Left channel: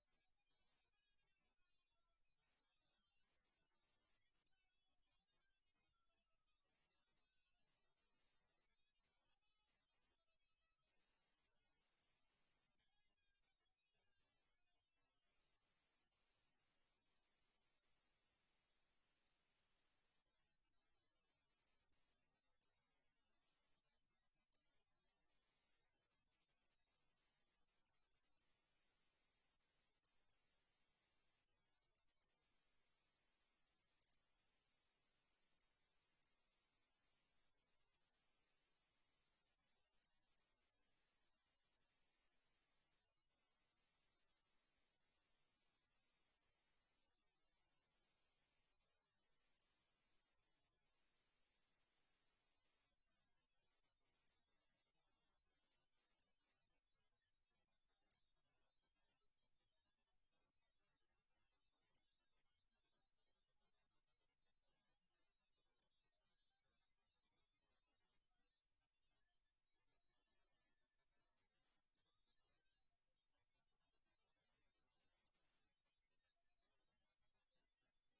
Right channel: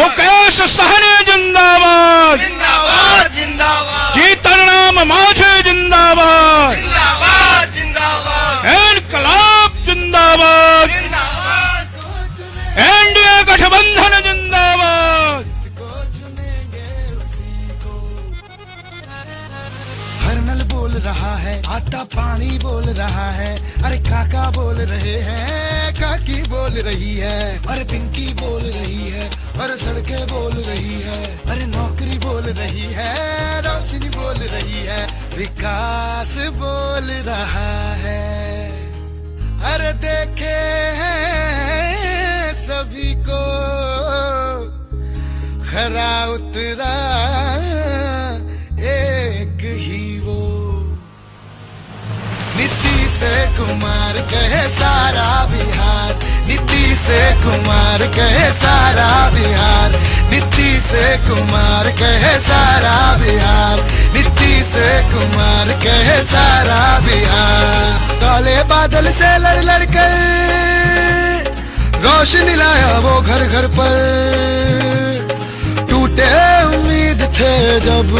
मुकेश सहनी जिंदाबाद, जिंदाबाद जिंदाबाद, जीतन राम मांझी जिंदाबाद, जिंदाबाद जिंदाबाद, इनकलाब जिंदाबाद, जिंदाबाद, एनडीए गठबंधन जिंदाबाद। हर नल बोल रहा है, आता पानी बोल रहा है, अरे काका बोल रहे हैं, काकी बोल रही है, अरे पिंकी बोल रही है, अरे सड़कें बोल रही है, अरे नौकरी बोल रही है, रोशनी बोल रही है, विकास बोल रहा है। अरे देखे हैं सभी को खरा उतरा एक ही वो, नीतीश कुमार कहे सारा बिहार, नीतीश कुमार कहे सारा बिहार, नीतीश कुमार कहे सारा बिहार, नीतीश कुमार कहे सारा बिहार। काले बादल से लड़ लड़ कर रोशनी लाया वो घर घर पर, टूटे उम्मीद थे जब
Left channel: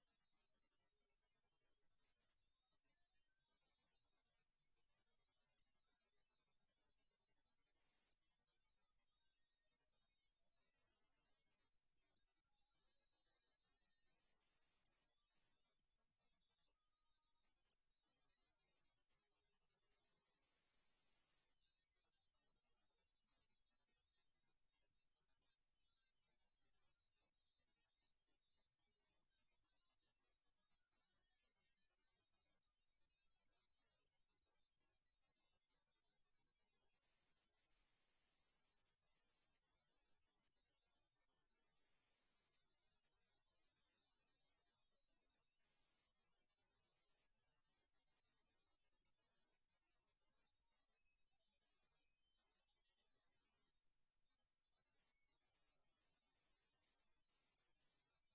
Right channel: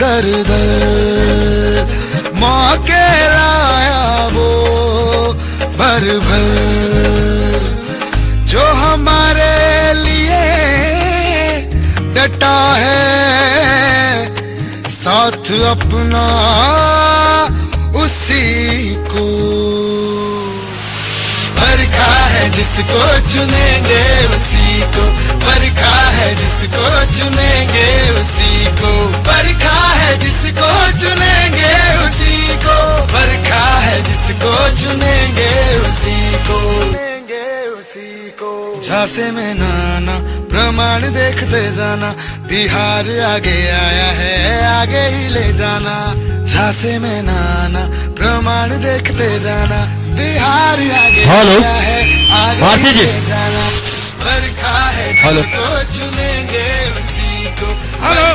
दर दर, मौके लाया वो भर भर, जो हमारे लिए डटा है साथ अपना उसी को, बरखा है जिसको चुनेंगे उसी को, बरखा है जिसको चुनेंगे उसी को, बरखा है जिसको चुनेंगे उसी को, बरखा है जिसको चुनेंगे उसी को, चुनेंगे उसी को। झांसे में नाना प्रमाण देखते जाना, बिहार आगे आया है आगे ही ले जाना, झांसे में नाना प्रमाण देखते जाना, बिहार आगे आया है आगे ही ले जाना, बरखा है जिसको चुनेंगे उसी को। हेलो,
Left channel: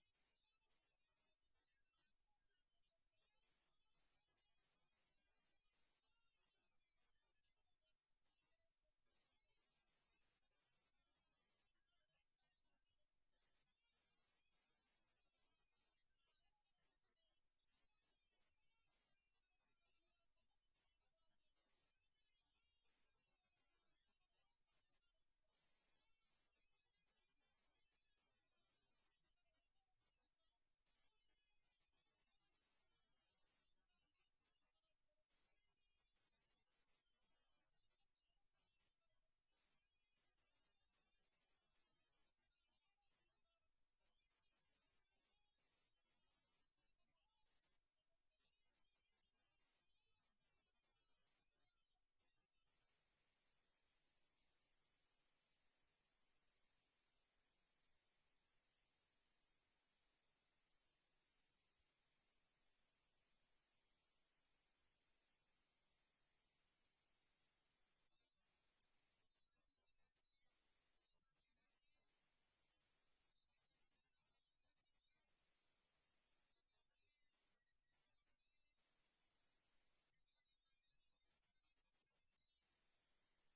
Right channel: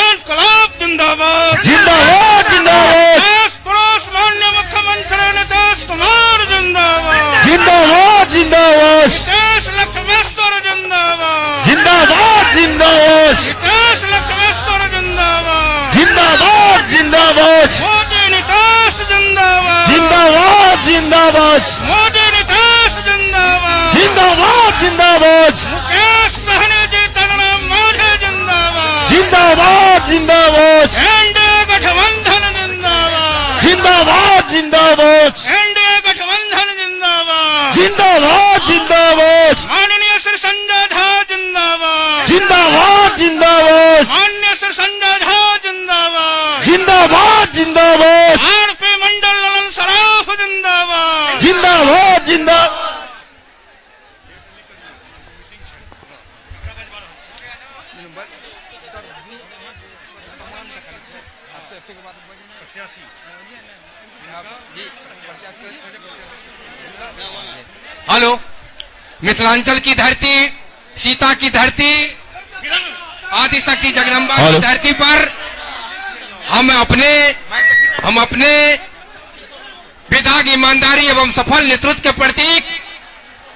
इनकलाब जिंदाबाद, जिंदाबाद जिंदाबाद, देश पड़ोस माननीय मुख्यमंत्री नीतीश कुमार जिंदाबाद, जिंदाबाद जिंदाबाद, देश लक्ष्मेश्वर जिंदाबाद, जिंदाबाद जिंदाबाद, देश लक्ष्मेश्वर जिंदाबाद, जिंदाबाद जिंदाबाद, मोदी नीतीश जिंदाबाद, जिंदाबाद जिंदाबाद, मोदी नीतीश जिंदाबाद, जिंदाबाद जिंदाबाद, मुकेश सहनी जीतन राम मांझी जिंदाबाद, जिंदाबाद जिंदाबाद, एनडीए गठबंधन जिंदाबाद, जिंदाबाद जिंदाबाद, एनडीए गठबंधन जिंदाबाद, जिंदाबाद जिंदाबाद, माननीय श्री संजय झा जिंदाबाद, जिंदाबाद जिंदाबाद, माननीय श्री संजय झा जिंदाबाद, जिंदाबाद जिंदाबाद, आरपी मंडल ललन सराफ जिंदाबाद, जिंदाबाद जिंदाबाद। हेलो, मिथिलांचल की धरती, सीता की धरती, आदिशक्ति जगदम्बा की धरती पर हम अपने विधायक ईमानदारी एवं सफल नेतृत्व के प्रतीक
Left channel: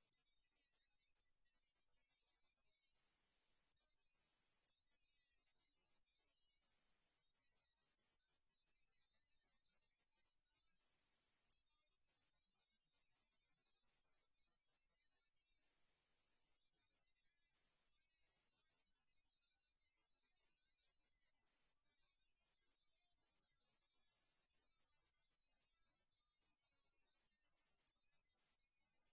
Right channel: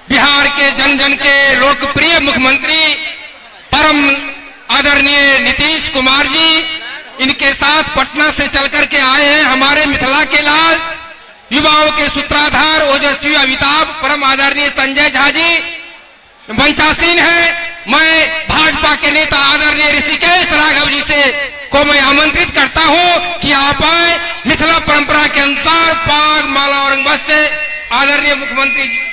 बिहार के जन जन के लोकप्रिय मुख्यमंत्री परम आदरणीय नीतीश कुमार जी, इनके साथ पटना से चल करके आए हैं हमारे मिथिला के लाल, युवाओं के सूत्राधार ओजस्वी अमिताभ परम आदरणीय संजय झा जी मंचासीन है। मैं भाजपा के नेता आदरणीय ऋषिकेश राघव जी से को मैं आमंत्रित करता हूं कि आप आए, मिथिला परंपरा के अनुसार पाग माला और अंगवस्त्र से आदरणीय मुख्यमंत्री जी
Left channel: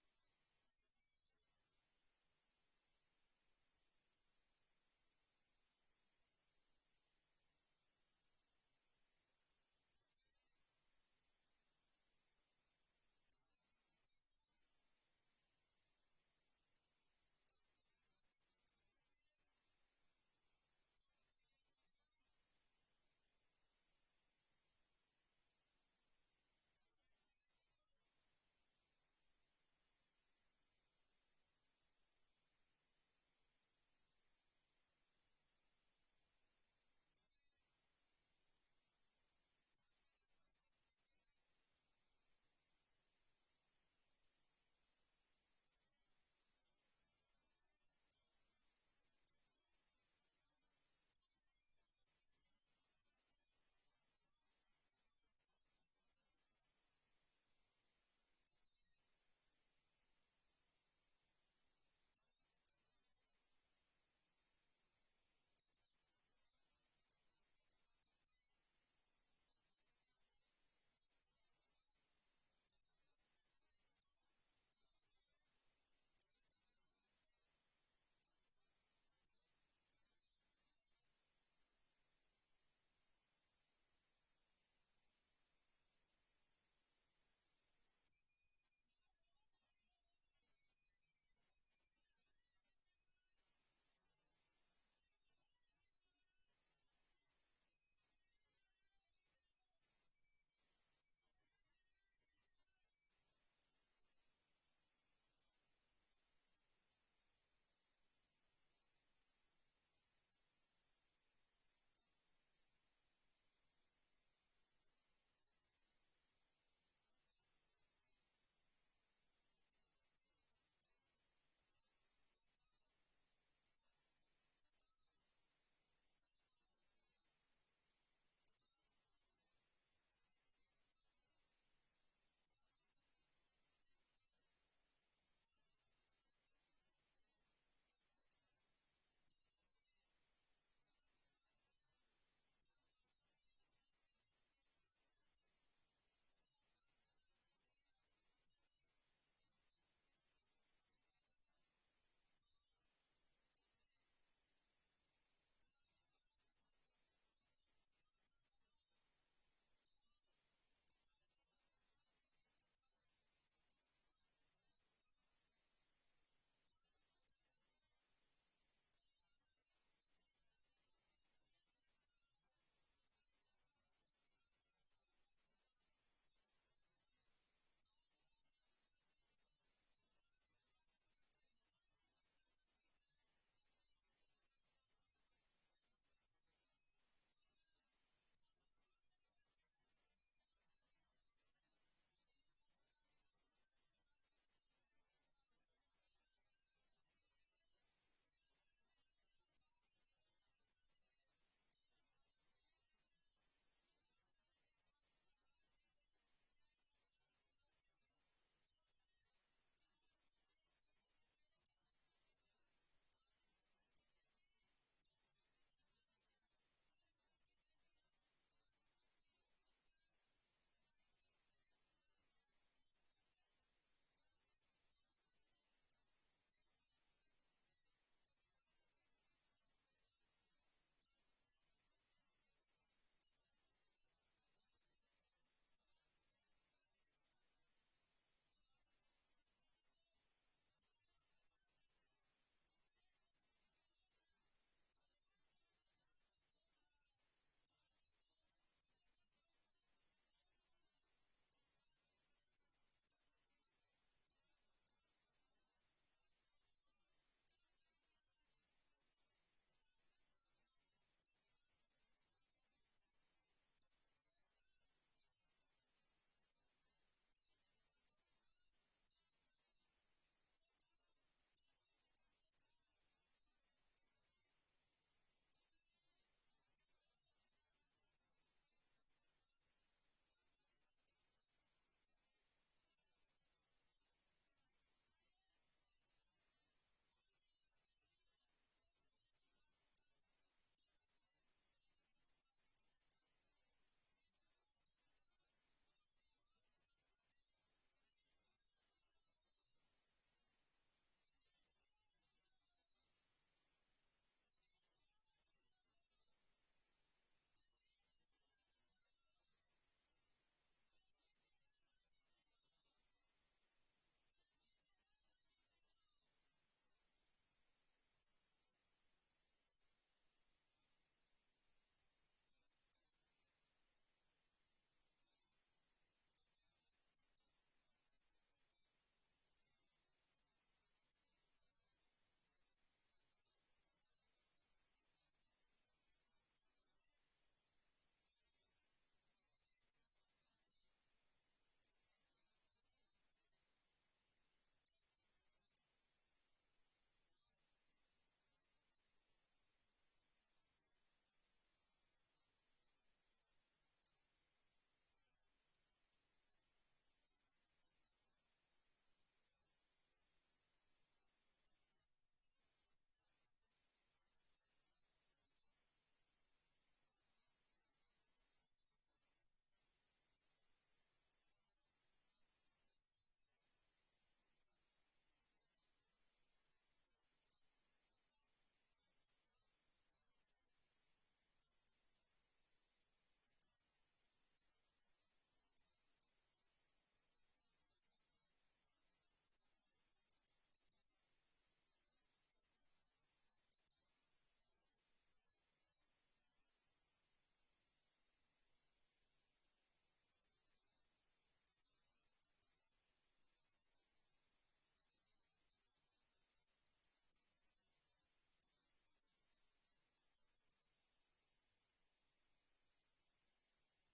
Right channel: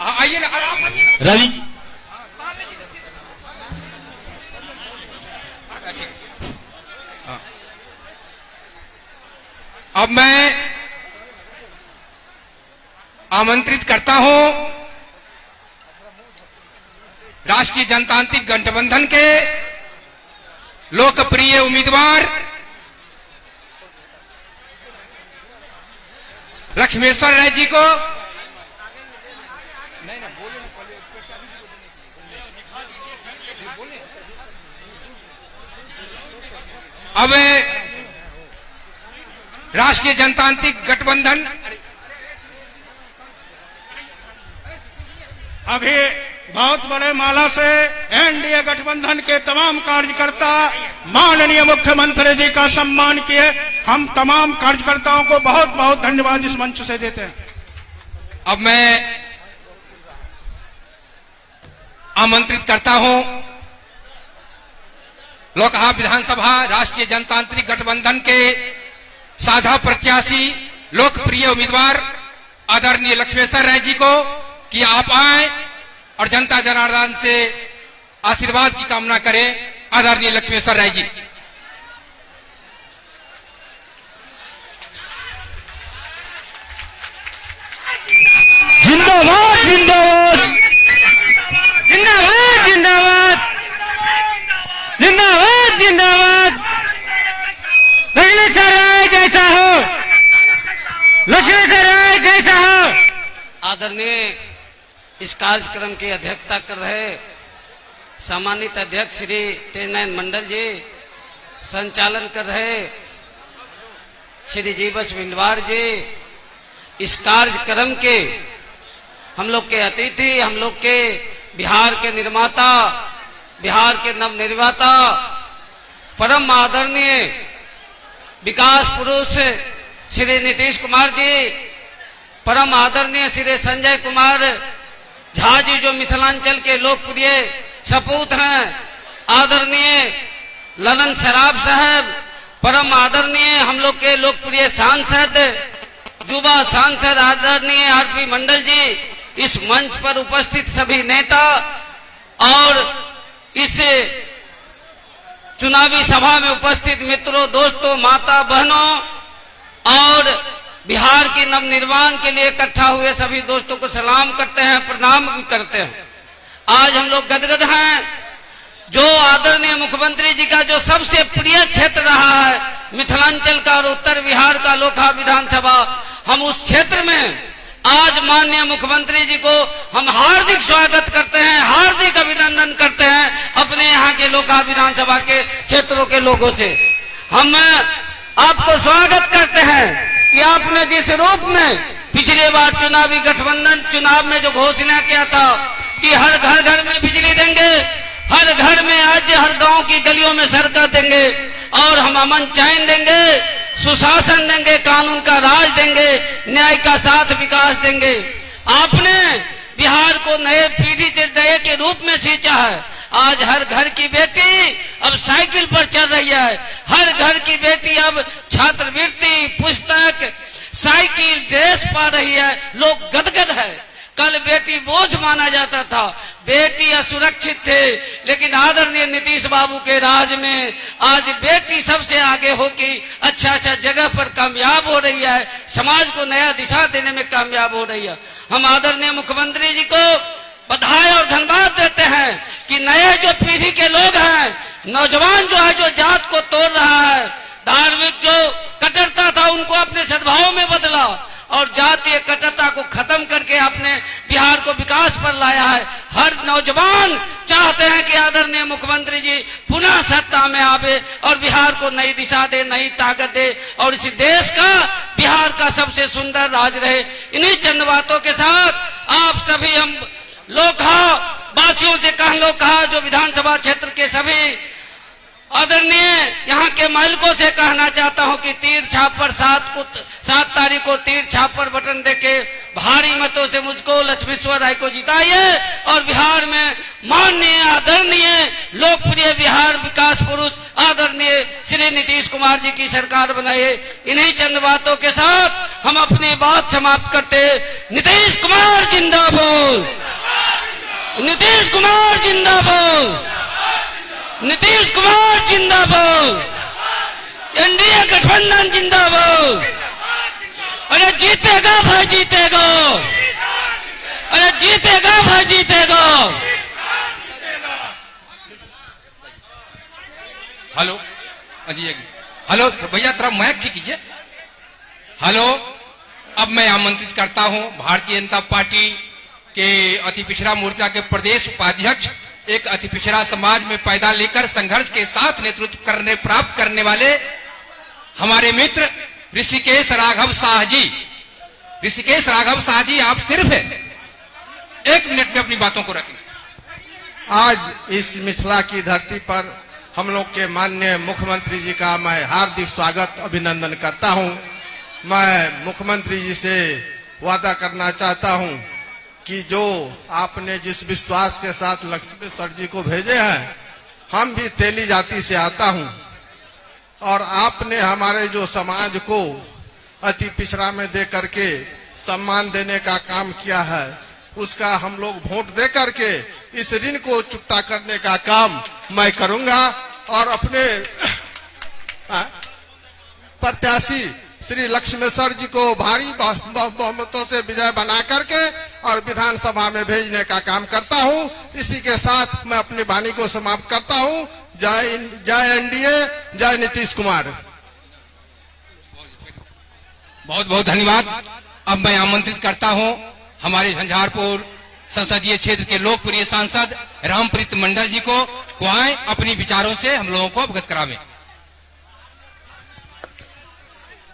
आइए ना रवि अब मैं आमंत्रित करता हूं राष्ट्रीय जनतांत्रिक गठबंधन के लोकप्रिय उम्मीदवार लक्ष्मेश्वर राय जी को। अब राष्ट्रीय जनतांत्रिक गठबंधन अभी बहुत बड़े माला से एनडीए गठबंधन के तमाम कार्यकर्ता माननीय मुख्यमंत्री जी का सम्मान किए। हम तमाम कार्यकर्ताओं को बहुत बहुत धन्यवाद इस मंच से देते हैं। अब मैं आमंत्रित करता हूं लोकसभा विधानसभा राष्ट्रीय जनतांत्रिक गठबंधन के साझा प्रत्याशी लोकप्रिय उम्मीदवार आदरणीय लक्ष्मेश्वर राय जी को कि आप आए और जनता जनार्दन से आशीर्वाद की कामना करें। आदरणीय लक्ष्मेश्वर राय जी। जिंदाबाद जिंदाबाद जिंदाबाद जिंदाबाद जिंदाबाद जिंदाबाद। लक्ष्मेश्वर राय जैसा हो, लक्ष्मेश्वर राय जैसा हो। आदरणीय इस कार्यक्रम की अध्यक्षता कर रहे सम्मानित अध्यक्ष श्री तेजनयन मंडल जी, संचालन कर रहे श्री जीवस बिंदवार जी, इस कार्यक्रम के हम लोग के अतिथि, हम लोग के बिहार के निर्माता, बिहार के नवनिर्माता, परम आदरणीय विकास पुरुष श्री नीतीश कुमार जी, परम आदरणीय श्री संजय कुमार झा जी जो मिथिलांचल के लोकप्रिय सपूत हैं, आदरणीय ललन सराफ साहब, परम आदरणीय हम लोग के लोकप्रिय सांसद युवा सांसद आदरणीय आरपी मंडल जी, इस मंच पर उपस्थित सभी नेता और इस चुनावी सभा में उपस्थित मित्रों, दोस्तों, माता बहनों और बिहार की नवनिर्माण के लिए इकट्ठा हुए सभी दोस्तों को सलाम करते हैं, प्रणाम भी करते हैं। आज हम लोग गदगद हैं। जो आदरणीय मुख्यमंत्री जी का जो सबसे प्रिय क्षेत्र रहा है मिथिलांचल का और उत्तर बिहार का लोकसभा विधानसभा, हम उस क्षेत्र में आज माननीय मुख्यमंत्री जी को हम हार्दिक स्वागत करते हैं, हार्दिक अभिनंदन करते हैं अपने यहाँ के लोकसभा विधानसभा के क्षेत्रों के लोगों से। हम आपको स्वागत करते हैं कि आपने जिस रूप में पिछले बार चुनावी गठबंधन चुनाव में जो घोषणा किया था कि हर घर घर में बिजली देंगे, हर घर में आज हर गांव की गलियों में सड़कें देंगे और हम अमन चैन देंगे, सुशासन देंगे, कानून का राज देंगे, न्याय का साथ विकास देंगे। आपने बिहार को नए पीढ़ी से नए के रूप में सींचा है। आज हर घर की बेटी अब साइकिल पर चल रही है, हर घर की बेटी अब छात्रवृत्ति, पुस्तक, साइकिल, ड्रेस पा रही है। लोग गदगद है। कल बेटी बोझ माना जाता था, बेटी असुरक्षित थे, लेकिन आदरणीय नीतीश बाबू के राज में आज बेटी सबसे आगे होकर अच्छा जगह पर कामयाब हो रही है, समाज को नया दिशा देने में कामयाब हो रही है। हम आदरणीय मुख्यमंत्री जी को बधाई और धन्यवाद देते हैं कि नए जो पीढ़ी के लोग हैं, नौजवान जो है, जो जात को तोड़ रहा है, धार्मिक जो कट्टरता था उनको अपने सद्भाव में बदला और जातीय कट्टरता को खत्म करके अपने बिहार को विकास पर लाया है। हर नौजवान चाहते हैं कि आदरणीय मुख्यमंत्री जी पुनः सत्ता में आवे और बिहार को नई दिशा दे, नई ताकत दे और इस देश का, बिहार का सबसे सुंदर राज रहे। इन्हीं चंद बातों के साथ आप सभी हम लोकसभा वासियों से कहा जो विधानसभा क्षेत्र के सभी आदरणीय यहाँ के मालिकों से कहना चाहता हूँ कि तीर छाप पर 7 तारीख को तीर छाप पर बटन देके भारी मतों से मुझको लक्ष्मेश्वर राय को जिताइए और बिहार में माननीय आदरणीय लोकप्रिय बिहार विकास पुरुष आदरणीय श्री नीतीश कुमार जी की सरकार बनाइए। इन्हीं चंद बातों के साथ हम अपनी बात समाप्त करते। नीतीश कुमार जिंदाबाद, नीतीश कुमार जिंदाबाद, नीतीश कुमार जिंदाबाद, एनडीए गठबंधन जिंदाबाद। अरे जीतेगा भाई जीतेगा, अरे जीतेगा भाई जीतेगा। हेलो अजी, हेलो भैया थोड़ा माइक ठीक कीजिए। हेलो, अब मैं आमंत्रित करता हूं भारतीय जनता पार्टी के अति पिछड़ा मोर्चा के प्रदेश उपाध्यक्ष, एक अति पिछड़ा समाज में पैदा लेकर संघर्ष के साथ नेतृत्व प्राप्त करने वाले हमारे मित्र ऋषिकेश राघव शाह जी। ऋषिकेश राघव शाह जी, आप सिर्फ 1 मिनट में अपनी बातों को रखें। आज इस मिथिला की धरती पर हम लोग के माननीय मुख्यमंत्री जी का मैं हार्दिक स्वागत अभिनंदन करता हूं। मैं मुख्यमंत्री जी से वादा करना चाहता हूं कि जो आपने जिस विश्वास के साथ लक्ष्मेश्वर जी को भेजे हैं, हम भी तेली जाति से आता हूं और आपने हमारे जो समाज को अति पिछड़ा में दे करके सम्मान देने का काम किया है, उसका हम लोग वोट दे करके इस ऋण को चुकता करने का काम मैं करूंगा और अपने प्रत्याशी श्री लक्ष्मेश्वर जी को भारी बहुमतों से विजय बना करके और विधानसभा में भेजने का काम करता हूं। इसी के साथ मैं अपनी वाणी को समाप्त करता हूं। जय एनडीए, जय नीतीश कुमार। बहुत बहुत धन्यवाद। अब मैं आमंत्रित करता हूं हमारे झंझारपुर संसदीय क्षेत्र के लोकप्रिय सांसद रामप्रीत मंडल जी को आए अपनी विचारों से हम लोगों को अवगत करावें।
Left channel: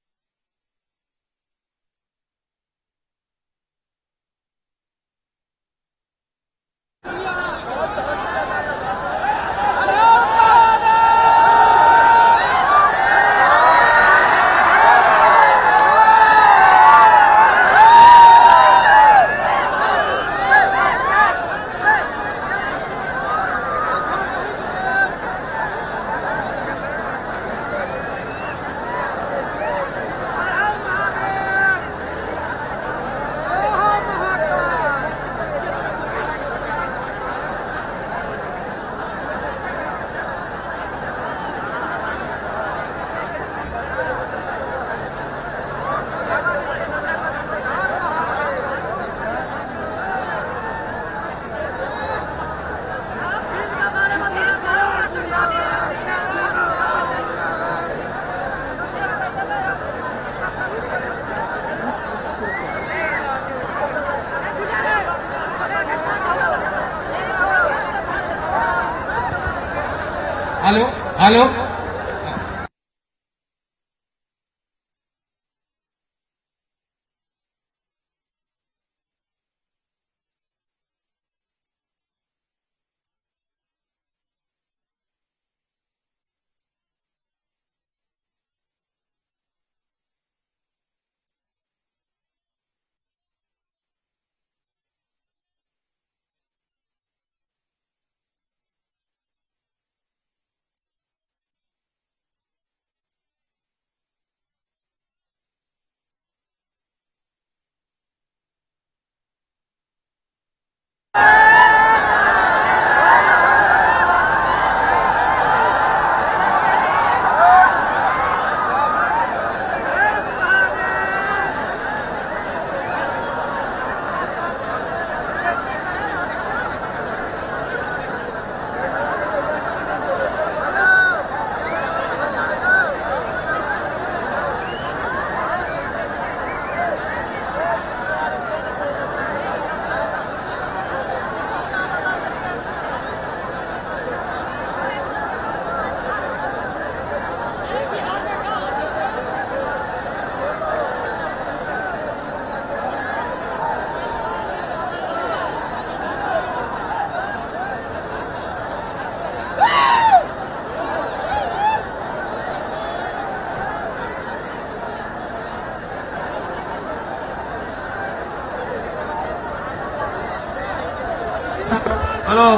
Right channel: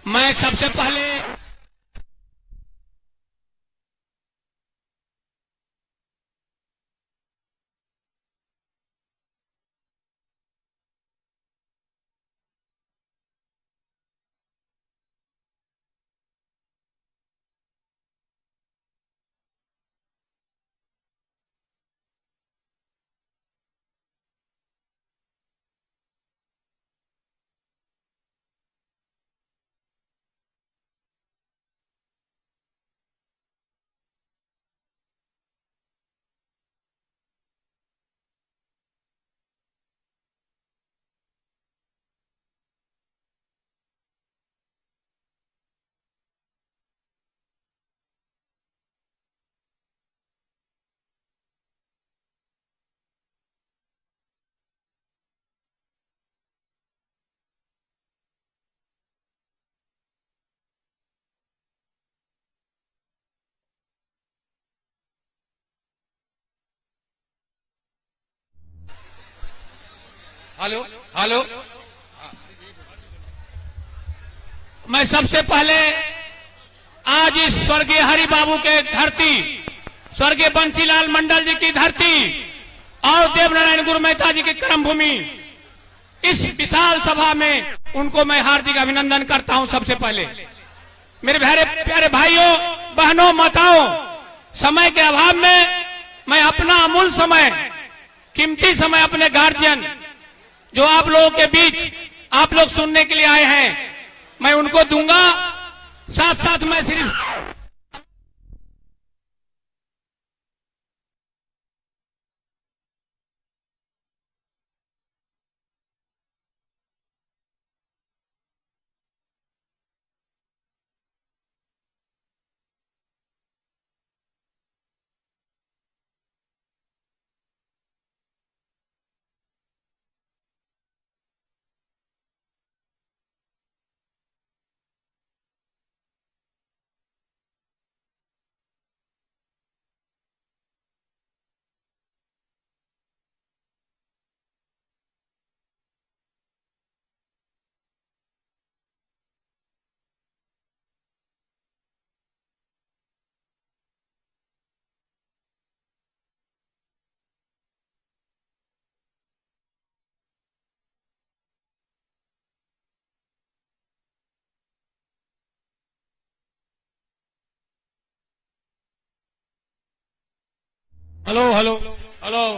मैं सबसे पहले हेलो, मैं सबसे पहले आज इस स्वर्गीय हरि बाबू के धरती, स्वर्गीय बंसीलाल मंडल जी की धरती और देवनारायण गुरु मेहता जी की कर्मभूमि, इस विशाल सभा में उनको मैं हार्दिक अभिनंदन करता हूं। सबसे पहले मेरे प्यारे भाइयों, बहनों, माताओं, समय के अभाव में मैं अपना अमूल्य समय, कीमती समय अपने गार्जियन जो आप लोगों के बीच आप लोग सुनने के लिए आए हैं, मैं उनको दूंगा। साथ साथ मैं सिर्फ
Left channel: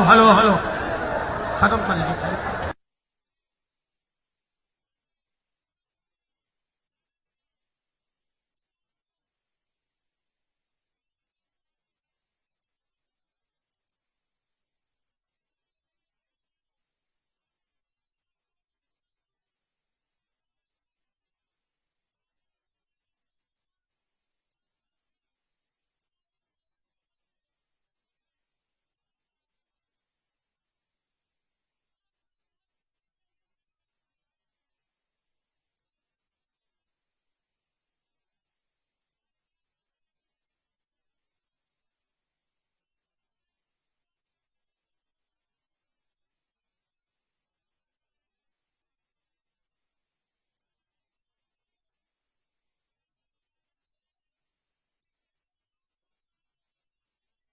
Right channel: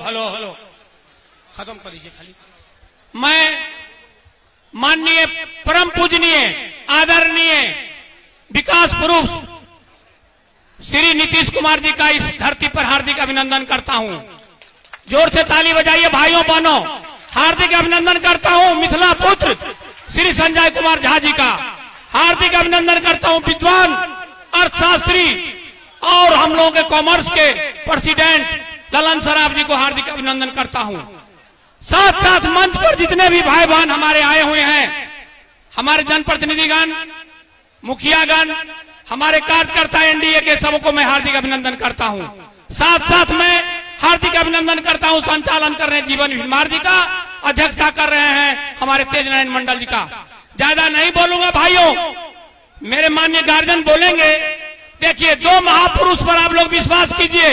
हेलो खत्म कर लीजिए। मैं माननीय परम पूजनीय आदरणीय विकास पुरुष श्री नीतीश कुमार जी का इस धरती पर हार्दिक अभिनंदन करता हूं। जोर से ताली बजाइए भाइयों बहनों, हार्दिक अभिनंदन करता हूं। मिथिला पुत्र श्री संजय कुमार झा जी का हार्दिक अभिनंदन करता हूं। विद्वान अर्थशास्त्री और हम लोगों के कॉमर्स के प्रेसिडेंट ललन सराफ जी को हार्दिक अभिनंदन करता हूं। साथ साथ मंच पर जितने भी भाई बहन हमारे आए हुए हैं, हमारे जनप्रतिनिधिगण, मुखियागण, हमारे कार्यकर्ता एनडीए के सबको मैं हार्दिक अभिनंदन करता हूं। साथ साथ मैं हार्दिक अभिनंदन करता हूं संचालन कर रहे हैं जीवन भीमार जी का, अध्यक्षता कर रहे हैं हमारे तेज नारायण मंडल जी का। ज्यादा नहीं बोलूंगा भाइयों, मेरे माननीय गार्जियन बोलेंगे। देखिए, दो महापुरुष पर आप लोग विश्वास कीजिए,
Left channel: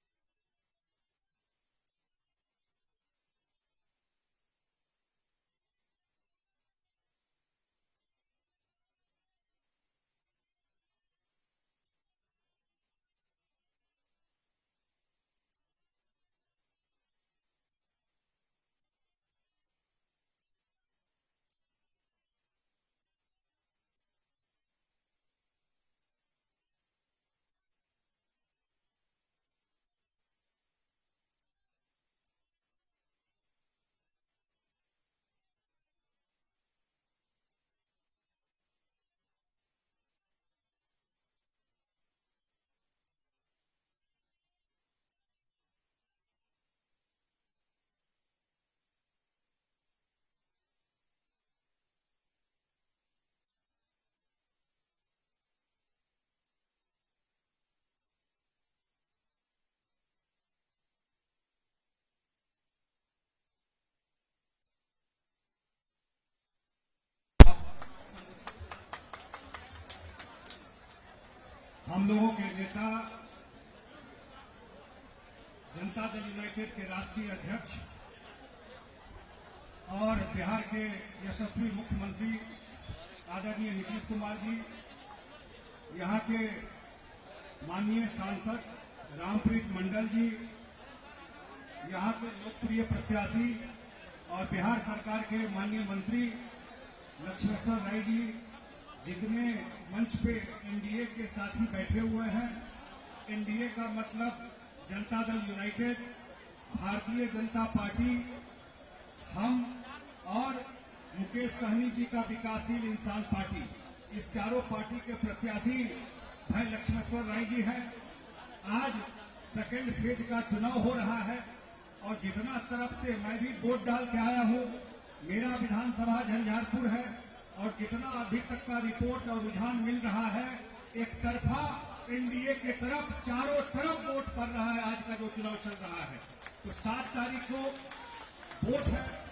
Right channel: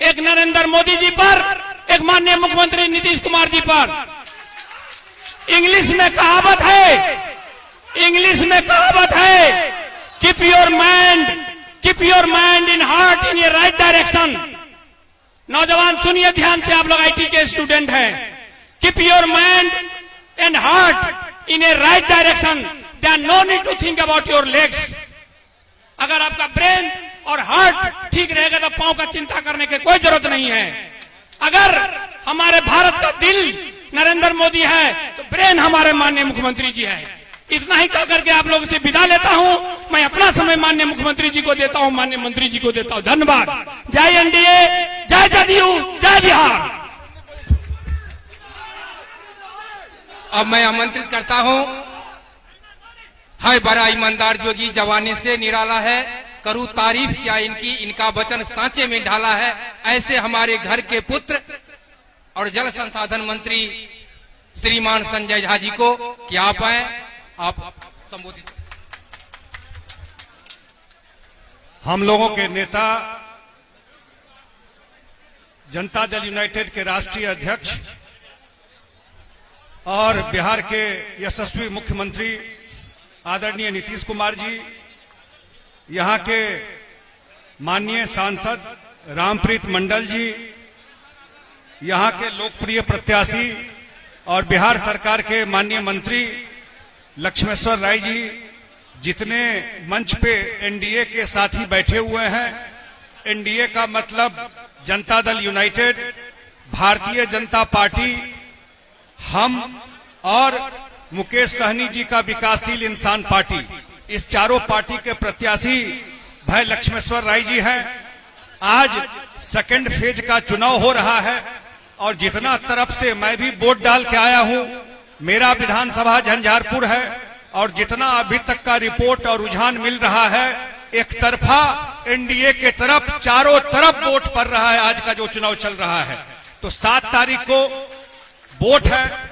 एक नरेंद्र मोदी जी पर, एक माननीय मुख्यमंत्री नीतीश कुमार जी पर। इंग्लिश में कहावत है, keep your mind in heart in a right direction. नौजवान सुनिए ध्यान से, आप लोग आईटी के स्टूडेंट हैं। Keep your mind and heart in a right direction, there no need to think about your legs. अगर आपका ब्रेन और हार्ट ठीक रहेगा तो पांव का चिंता करने की कोई जरूरत नहीं है। अगर हमारे भारत का दिल नरेंद्र मोदी है तो ब्रेन हमारे माननीय मुख्यमंत्री जी है। इतना ही कह करके आप लोगों से विदा लेता हूं। मैं अपना समय माननीय मुख्यमंत्री जी को देता हूं, माननीय मंत्री जी को देता हूं। धन्यवाद। जय एनडीए, जय जदयू, जय बिहार। अब मैं आमंत्रित करता हूं, है बड़ा ईमानदार जोगी, जवानी से निराला है, करूं तारीफ क्या इनकी, इनका वचन सांचे में ढाला है। ऐसे हमारे घर के पुत्र और जल संसाधन मंत्री श्रीमान संजय झा जी को कि आप आए, आप संबोधित। हम लोगों के नेता, जनता दल यूनाइटेड के राष्ट्रीय अध्यक्ष और बिहार के यशस्वी मुख्यमंत्री आदरणीय नीतीश कुमार जी, यहाँ के माननीय सांसद रामप्रीत मंडल जी, यहाँ के लोकप्रिय प्रत्याशी और बिहार सरकार के माननीय मंत्री लक्ष्मेश्वर राय जी, जितने मंच पे एनडीए के साथी बैठे हुए हैं। एनडीए का मतलब जनता दल यूनाइटेड, भारतीय जनता पार्टी, हम और मुकेश सहनी जी का विकासशील इंसान पार्टी, इस चारों पार्टी के प्रत्याशी भाई लक्ष्मेश्वर राय जी हैं। आज सेकंड फेज का चुनाव हो रहा है और जितना तरफ से मैं भी वोट डाल के आया हूं, मेरा विधानसभा झंझारपुर है और जितना अभी तक का रिपोर्ट और रुझान मिल रहा है, एक तरफा एनडीए के तरफ चारों तरफ वोट पड़ रहा है। आज का जो चुनाव चल रहा है, तो 7 तारीख को वोट है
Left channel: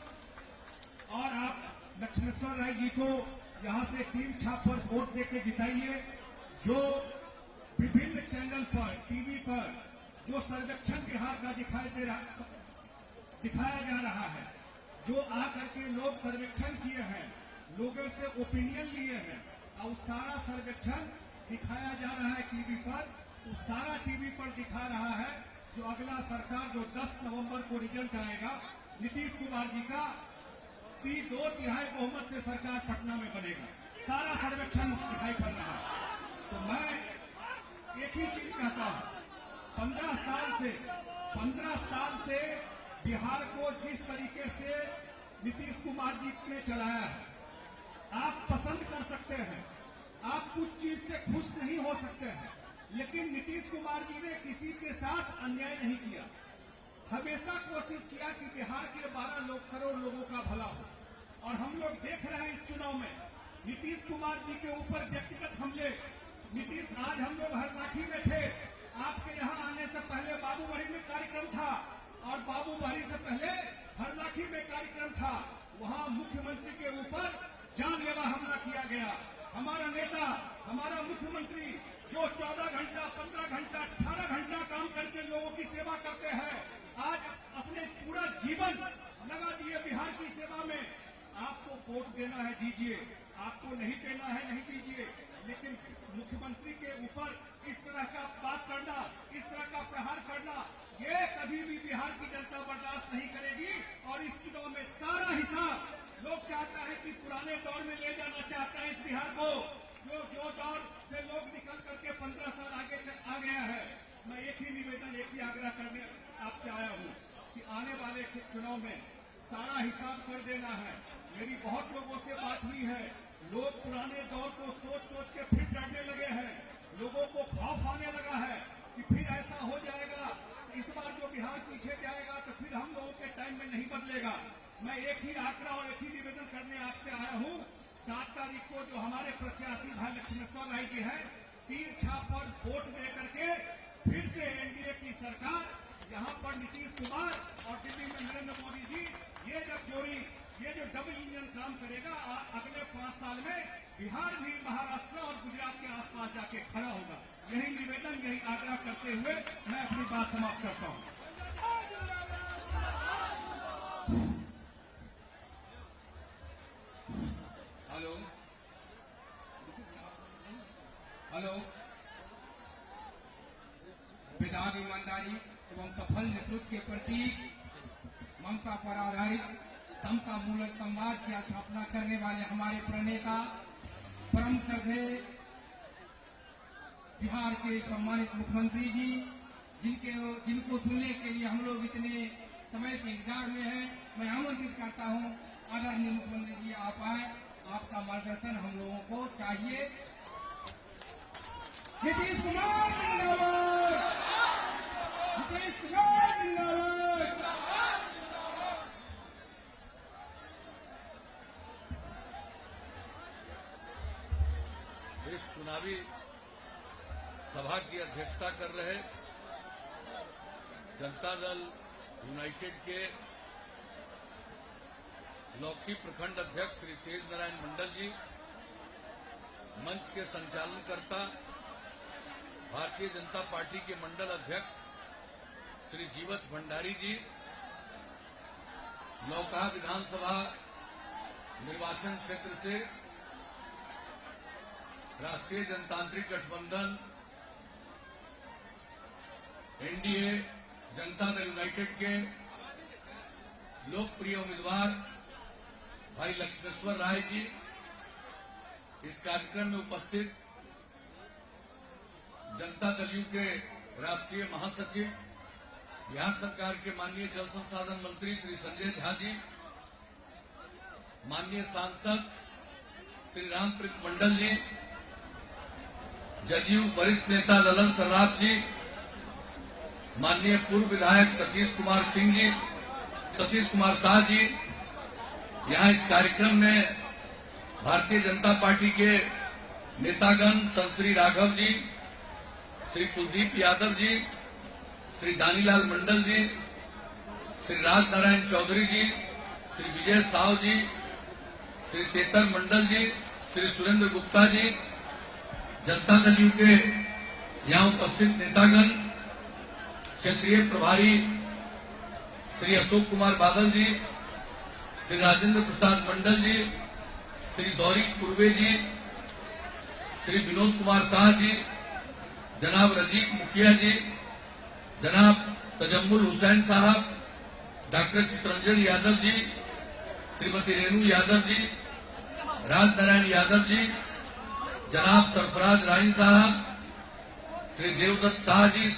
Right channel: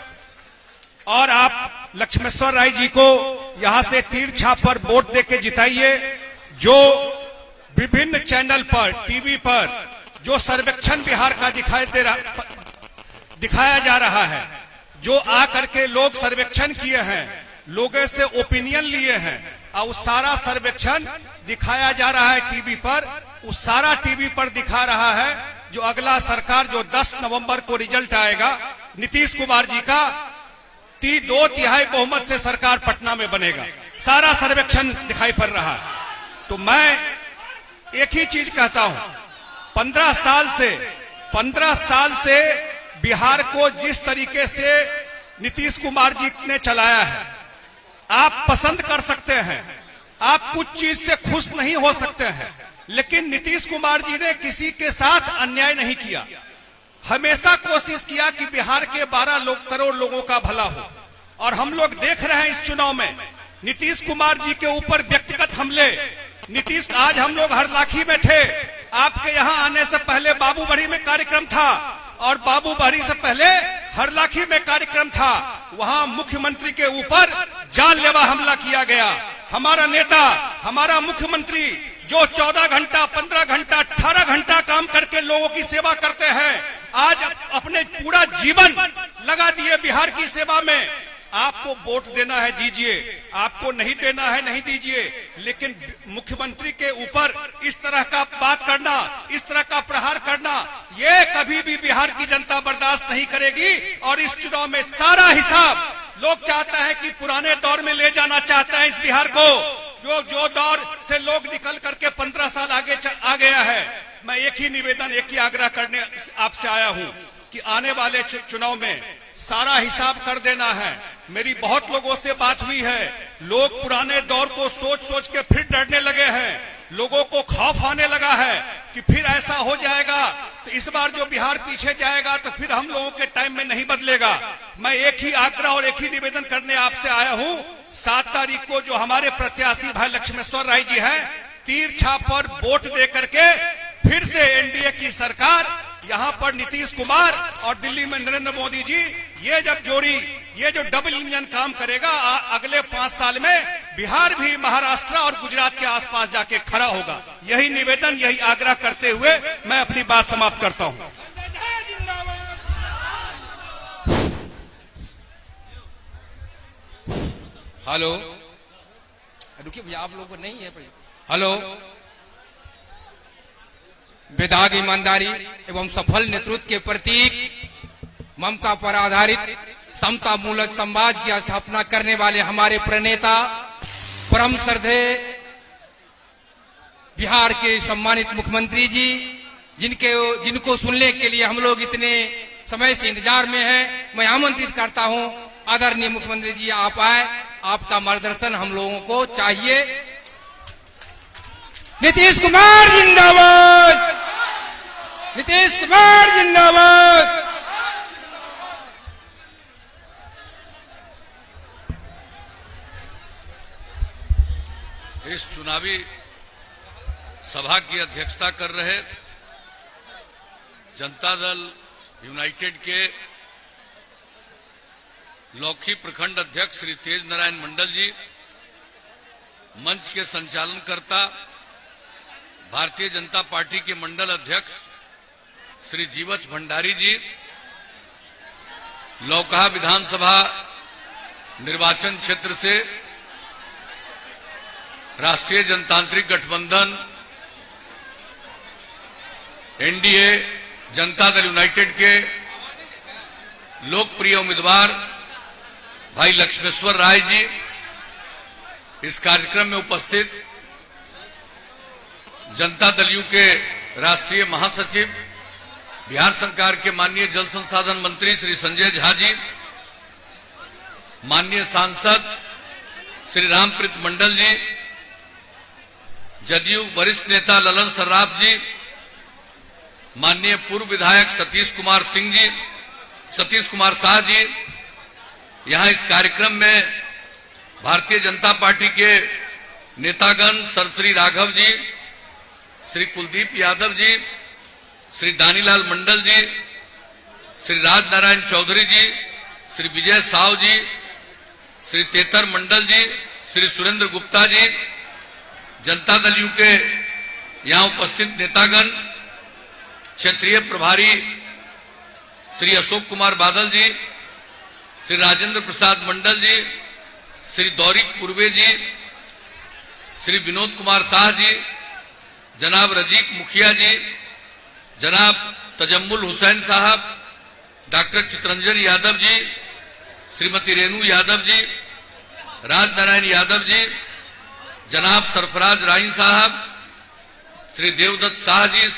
और आप लक्ष्मेश्वर राय जी को यहां से तीर छाप पर वोट देके जिताइए। जो विभिन्न चैनल पर, टीवी पर जो सर्वेक्षण बिहार का दिखाया जा रहा है, जो आकर के लोग सर्वेक्षण किए हैं, लोगों से ओपिनियन लिए हैं और उस सारा सर्वेक्षण दिखाया जा रहा है टीवी पर। उस सारा टीवी पर दिखा रहा है जो अगला सरकार, जो 10 नवंबर को रिजल्ट आएगा, नीतीश कुमार जी का 2/3 बहुमत से सरकार पटना में बनेगा। सारा सर्वेक्षण दिखाई पड़ रहा है। तो मैं एक ही चीज कहता हूं, 15 साल से बिहार को जिस तरीके से नीतीश कुमार जी ने चलाया है, आप पसंद कर सकते हैं, आप कुछ चीज से खुश नहीं हो सकते हैं, लेकिन नीतीश कुमार जी ने किसी के साथ अन्याय नहीं किया। हमेशा कोशिश किया कि बिहार के 12 करोड़ लोगों का भला हो। और हम लोग देख रहे हैं इस चुनाव में नीतीश कुमार जी के ऊपर व्यक्तिगत हमले। नीतीश, आज हम लोग हरलाखी में थे, आपके यहाँ आने से पहले बाबूबड़ी में कार्यक्रम था और बाबूबड़ी से पहले हरलाखी में कार्यक्रम था। वहां मुख्यमंत्री के ऊपर जानलेवा हमला किया गया। हमारा नेता, हमारा मुख्यमंत्री जो 14 घंटा, 15 घंटा, 18 घंटा काम करके लोगों की सेवा करते हैं, आज अपने पूरा जीवन लगा दिए बिहार की सेवा में। आपको वोट देना है दीजिए, आपको नहीं देना है नहीं दीजिए, लेकिन मुख्यमंत्री के ऊपर इस तरह का बात करना, इस तरह का प्रहार करना, ये कभी भी बिहार की जनता बर्दाश्त नहीं करेगी। और इस चुनाव में सारा हिसाब लोग चाहते हैं कि पुराने दौर में ले जाना चाहते हैं इस बिहार को, जो दौर से लोग निकल करके 15 साल आगे आ गया है। मैं एक ही निवेदन, एक ही आग्रह करने आपसे आया हूं कि आने वाले चुनाव में सारा हिसाब कर देना है। मेरी बहुत लोगों से बात हुई है, लोग पुराने दौर को सोच सोच के फिर डरने लगे हैं। लोगों को खौफ आने लगा है कि फिर ऐसा हो जाएगा तो इस बार जो बिहार पीछे जाएगा तो फिर हम लोगों के टाइम में नहीं बदलेगा। मैं एक ही आग्रह और एक ही निवेदन करने आपसे आया हूं। 7 तारीख को जो हमारे प्रत्याशी भाई लक्ष्मेश्वर राय जी हैं, तीर छाप पर वोट दे करके फिर से एनडीए की सरकार, यहाँ पर नीतीश कुमार और दिल्ली में नरेंद्र मोदी जी, ये जब जोड़ी ये जो डबल इंजन काम करेगा अगले 5 साल में बिहार भी महाराष्ट्र और गुजरात के आसपास जाके खड़ा होगा। यही निवेदन, यही आग्रह करते हुए मैं अपनी बात समाप्त करता हूं। हेलो, रुकिए भैया, आप लोगों को नहीं है भैया। हेलो, वेदाग ईमानदारी एवं सफल नेतृत्व के प्रतीक, ममता पर आधारित समता मूलक समाज की स्थापना करने वाले हमारे प्रणेता, परम श्रद्धेय बिहार के सम्मानित मुख्यमंत्री जी, जिनको सुनने के लिए हम लोग इतने समय से इंतजार में हैं, मैं आमंत्रित करता हूं, आदरणीय मुख्यमंत्री जी आप आए, आपका मार्गदर्शन हम लोगों को चाहिए। नीतीश कुमार जिंदाबाद, नीतीश कुमार जिंदाबाद। इस चुनावी सभा की अध्यक्षता कर रहे जनता दल यूनाइटेड के लौकी प्रखंड अध्यक्ष श्री तेज नारायण मंडल जी, मंच के संचालनकर्ता भारतीय जनता पार्टी के मंडल अध्यक्ष श्री जीवछ भंडारी जी, लौकहा विधानसभा निर्वाचन क्षेत्र से राष्ट्रीय जनतांत्रिक गठबंधन एनडीए जनता दल यूनाइटेड के लोकप्रिय उम्मीदवार भाई लक्ष्मेश्वर राय जी, इस कार्यक्रम में उपस्थित जनता दल यू के राष्ट्रीय महासचिव, बिहार सरकार के माननीय जल संसाधन मंत्री श्री संजय झा जी, माननीय सांसद श्री रामप्रीत मंडल जी, जदयू वरिष्ठ नेता ललन सर्राफ जी, माननीय पूर्व विधायक सतीश कुमार शाह जी, यहां इस कार्यक्रम में भारतीय जनता पार्टी के नेतागण सर श्री राघव जी, श्री कुलदीप यादव जी, श्री दानीलाल मंडल जी, श्री राज नारायण चौधरी जी, श्री विजय साव जी, श्री तेतर मंडल जी, श्री सुरेंद्र गुप्ता जी, जनता दल यू के यहां उपस्थित नेतागण, क्षेत्रीय प्रभारी श्री अशोक कुमार बादल जी, श्री राजेंद्र प्रसाद मंडल जी, श्री दौरिक पूर्वे जी, श्री विनोद कुमार शाह जी, जनाब रजीक मुखिया जी, जनाब तजम्मुल हुसैन साहब, डॉक्टर चितरंजन यादव जी, श्रीमती रेणु यादव जी, राज नारायण यादव जी, जनाब सरफराज राइन साहब, श्री देवदत्त शाह जी,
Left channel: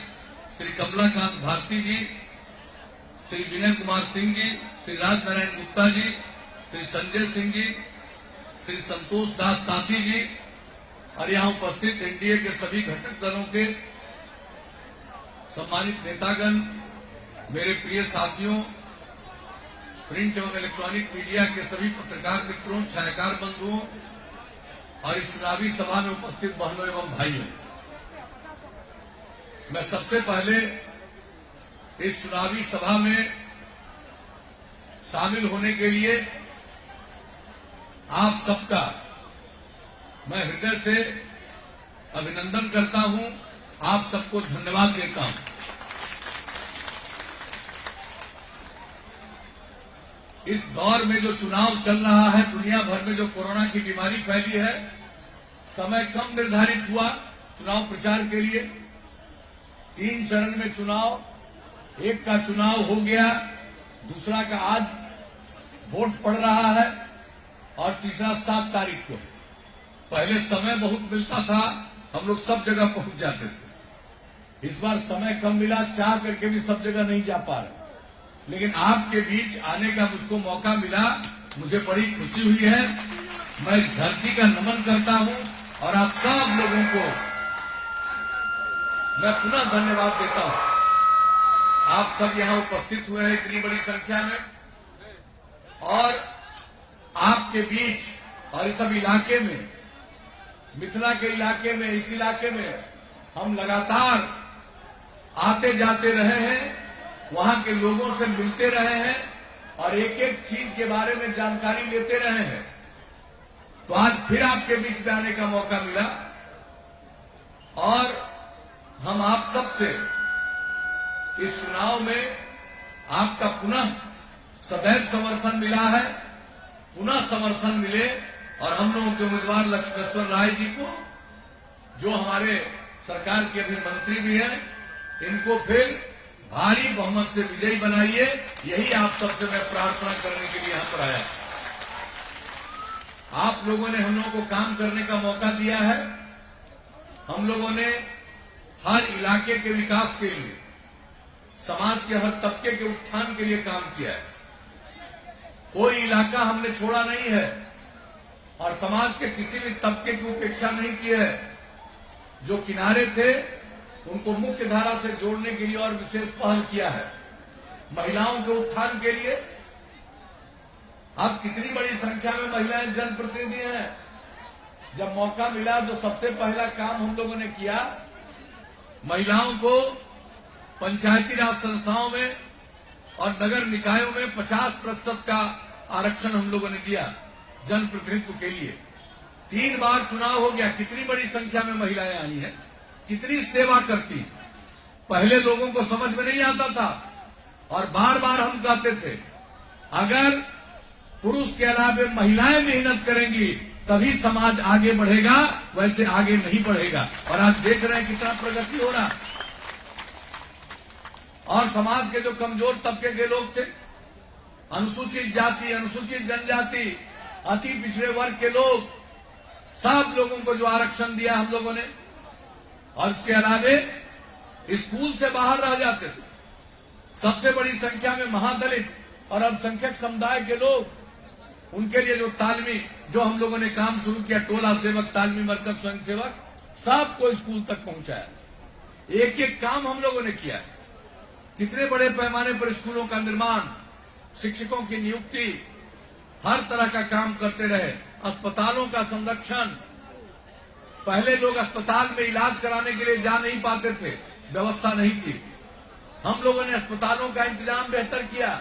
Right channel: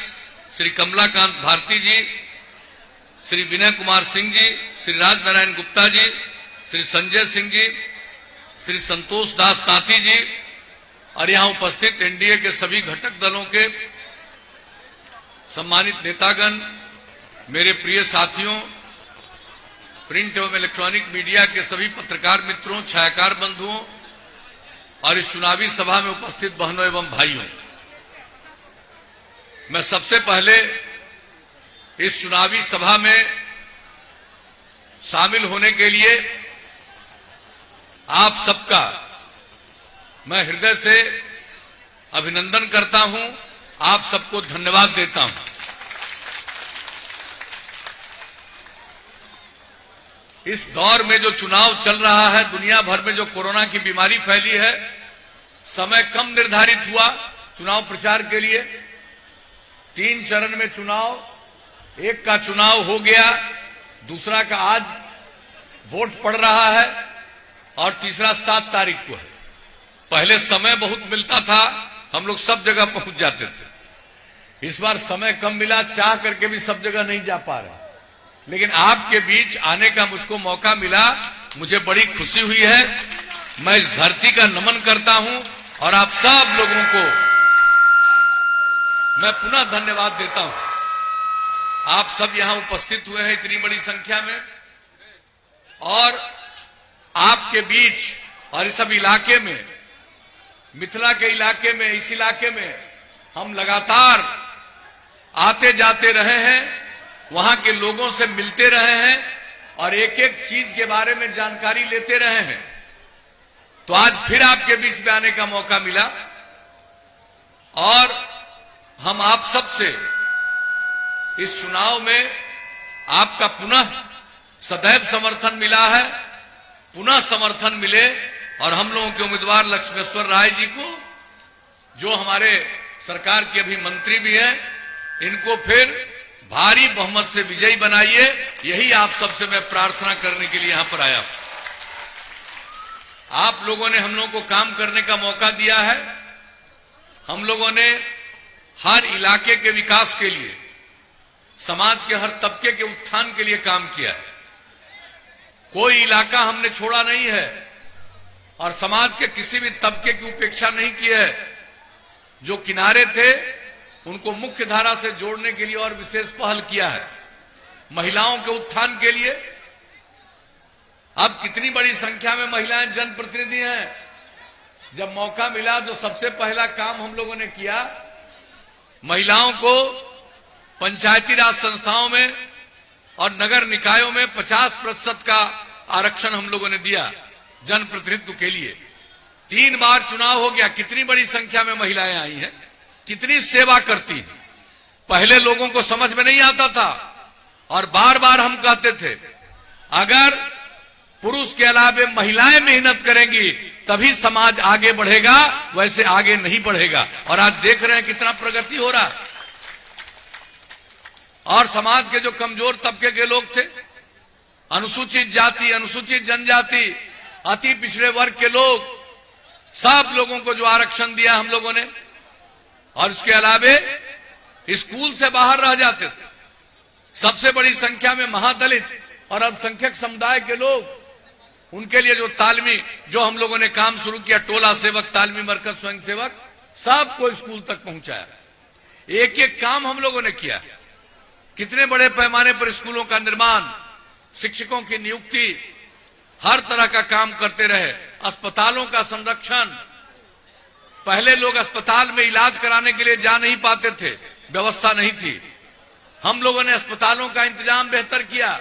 श्री कमलाकांत भारती जी, श्री विनय कुमार सिंह जी, श्री राज नारायण गुप्ता जी, श्री संजय सिंह जी, श्री संतोष दास तांती जी और यहां उपस्थित एनडीए के सभी घटक दलों के सम्मानित नेतागण, मेरे प्रिय साथियों, प्रिंट एवं इलेक्ट्रॉनिक मीडिया के सभी पत्रकार मित्रों, छायाकार बंधुओं और इस चुनावी सभा में उपस्थित बहनों एवं भाइयों, मैं सबसे पहले इस चुनावी सभा में शामिल होने के लिए आप सबका मैं हृदय से अभिनंदन करता हूं, आप सबको धन्यवाद देता हूं। इस दौर में जो चुनाव चल रहा है, दुनिया भर में जो कोरोना की बीमारी फैली है, समय कम निर्धारित हुआ चुनाव प्रचार के लिए। 3 चरण में चुनाव, एक का चुनाव हो गया, दूसरा का आज वोट पड़ रहा है और तीसरा 7 तारीख को है। पहले समय बहुत मिलता था, हम लोग सब जगह पहुंच जाते थे। इस बार समय कम मिला, चाह करके भी सब जगह नहीं जा पा रहा, लेकिन आपके बीच आने का मुझको मौका मिला, मुझे बड़ी खुशी हुई है। मैं इस धरती का नमन करता हूं और आप सब लोगों को मैं पुनः धन्यवाद देता हूं। आप सब यहां उपस्थित हुए हैं इतनी बड़ी संख्या में, और आपके बीच और इस सब इलाके में, मिथिला के इलाके में, इस इलाके में हम लगातार आते जाते रहे हैं, वहां के लोगों से मिलते रहे हैं और एक एक चीज के बारे में जानकारी लेते रहे हैं। तो आज फिर आपके बीच में आने का मौका मिला और हम आप सबसे इस चुनाव में आपका पुनः सदैव समर्थन मिला है, पुनः समर्थन मिले और हम लोगों के उम्मीदवार लक्ष्मेश्वर राय जी को, जो हमारे सरकार के अभी मंत्री भी हैं, इनको फिर भारी बहुमत से विजयी बनाइए। यही आप सबसे मैं प्रार्थना करने के लिए यहां पर आया। आप लोगों ने हम लोगों को काम करने का मौका दिया है। हम लोगों ने हर इलाके के विकास के लिए, समाज के हर तबके के उत्थान के लिए काम किया। कोई इलाका हमने छोड़ा नहीं है और समाज के किसी भी तबके की उपेक्षा नहीं की है। जो किनारे थे उनको मुख्य धारा से जोड़ने के लिए और विशेष पहल किया है। महिलाओं के उत्थान के लिए अब कितनी बड़ी संख्या में महिलाएं जनप्रतिनिधि हैं। जब मौका मिला तो सबसे पहला काम हम लोगों ने किया, महिलाओं को पंचायती राज संस्थाओं में और नगर निकायों में 50% का आरक्षण हम लोगों ने दिया जनप्रतिनिधित्व के लिए। 3 बार चुनाव हो गया, कितनी बड़ी संख्या में महिलाएं आई हैं, कितनी सेवा करती हैं। पहले लोगों को समझ में नहीं आता था और बार बार हम कहते थे अगर पुरुष के अलावा महिलाएं मेहनत करेंगी तभी समाज आगे बढ़ेगा, वैसे आगे नहीं बढ़ेगा। और आज देख रहे हैं कितना प्रगति हो रहा। और समाज के जो कमजोर तबके के लोग थे, अनुसूचित जाति, अनुसूचित जनजाति, अति पिछड़े वर्ग के लोग, सब लोगों को जो आरक्षण दिया हम लोगों ने, और इसके अलावे स्कूल से बाहर रह जाते थे सबसे बड़ी संख्या में महादलित और अल्पसंख्यक समुदाय के लोग, उनके लिए जो तालमी, जो हम लोगों ने काम शुरू किया, टोला सेवक, तालमी मरकज, स्वयं सेवक, सबको स्कूल तक पहुंचाया। एक एक काम हम लोगों ने किया। कितने बड़े पैमाने पर स्कूलों का निर्माण, शिक्षकों की नियुक्ति, हर तरह का काम करते रहे। अस्पतालों का संरक्षण, पहले लोग अस्पताल में इलाज कराने के लिए जा नहीं पाते थे, व्यवस्था नहीं थी। हम लोगों ने अस्पतालों का इंतजाम बेहतर किया,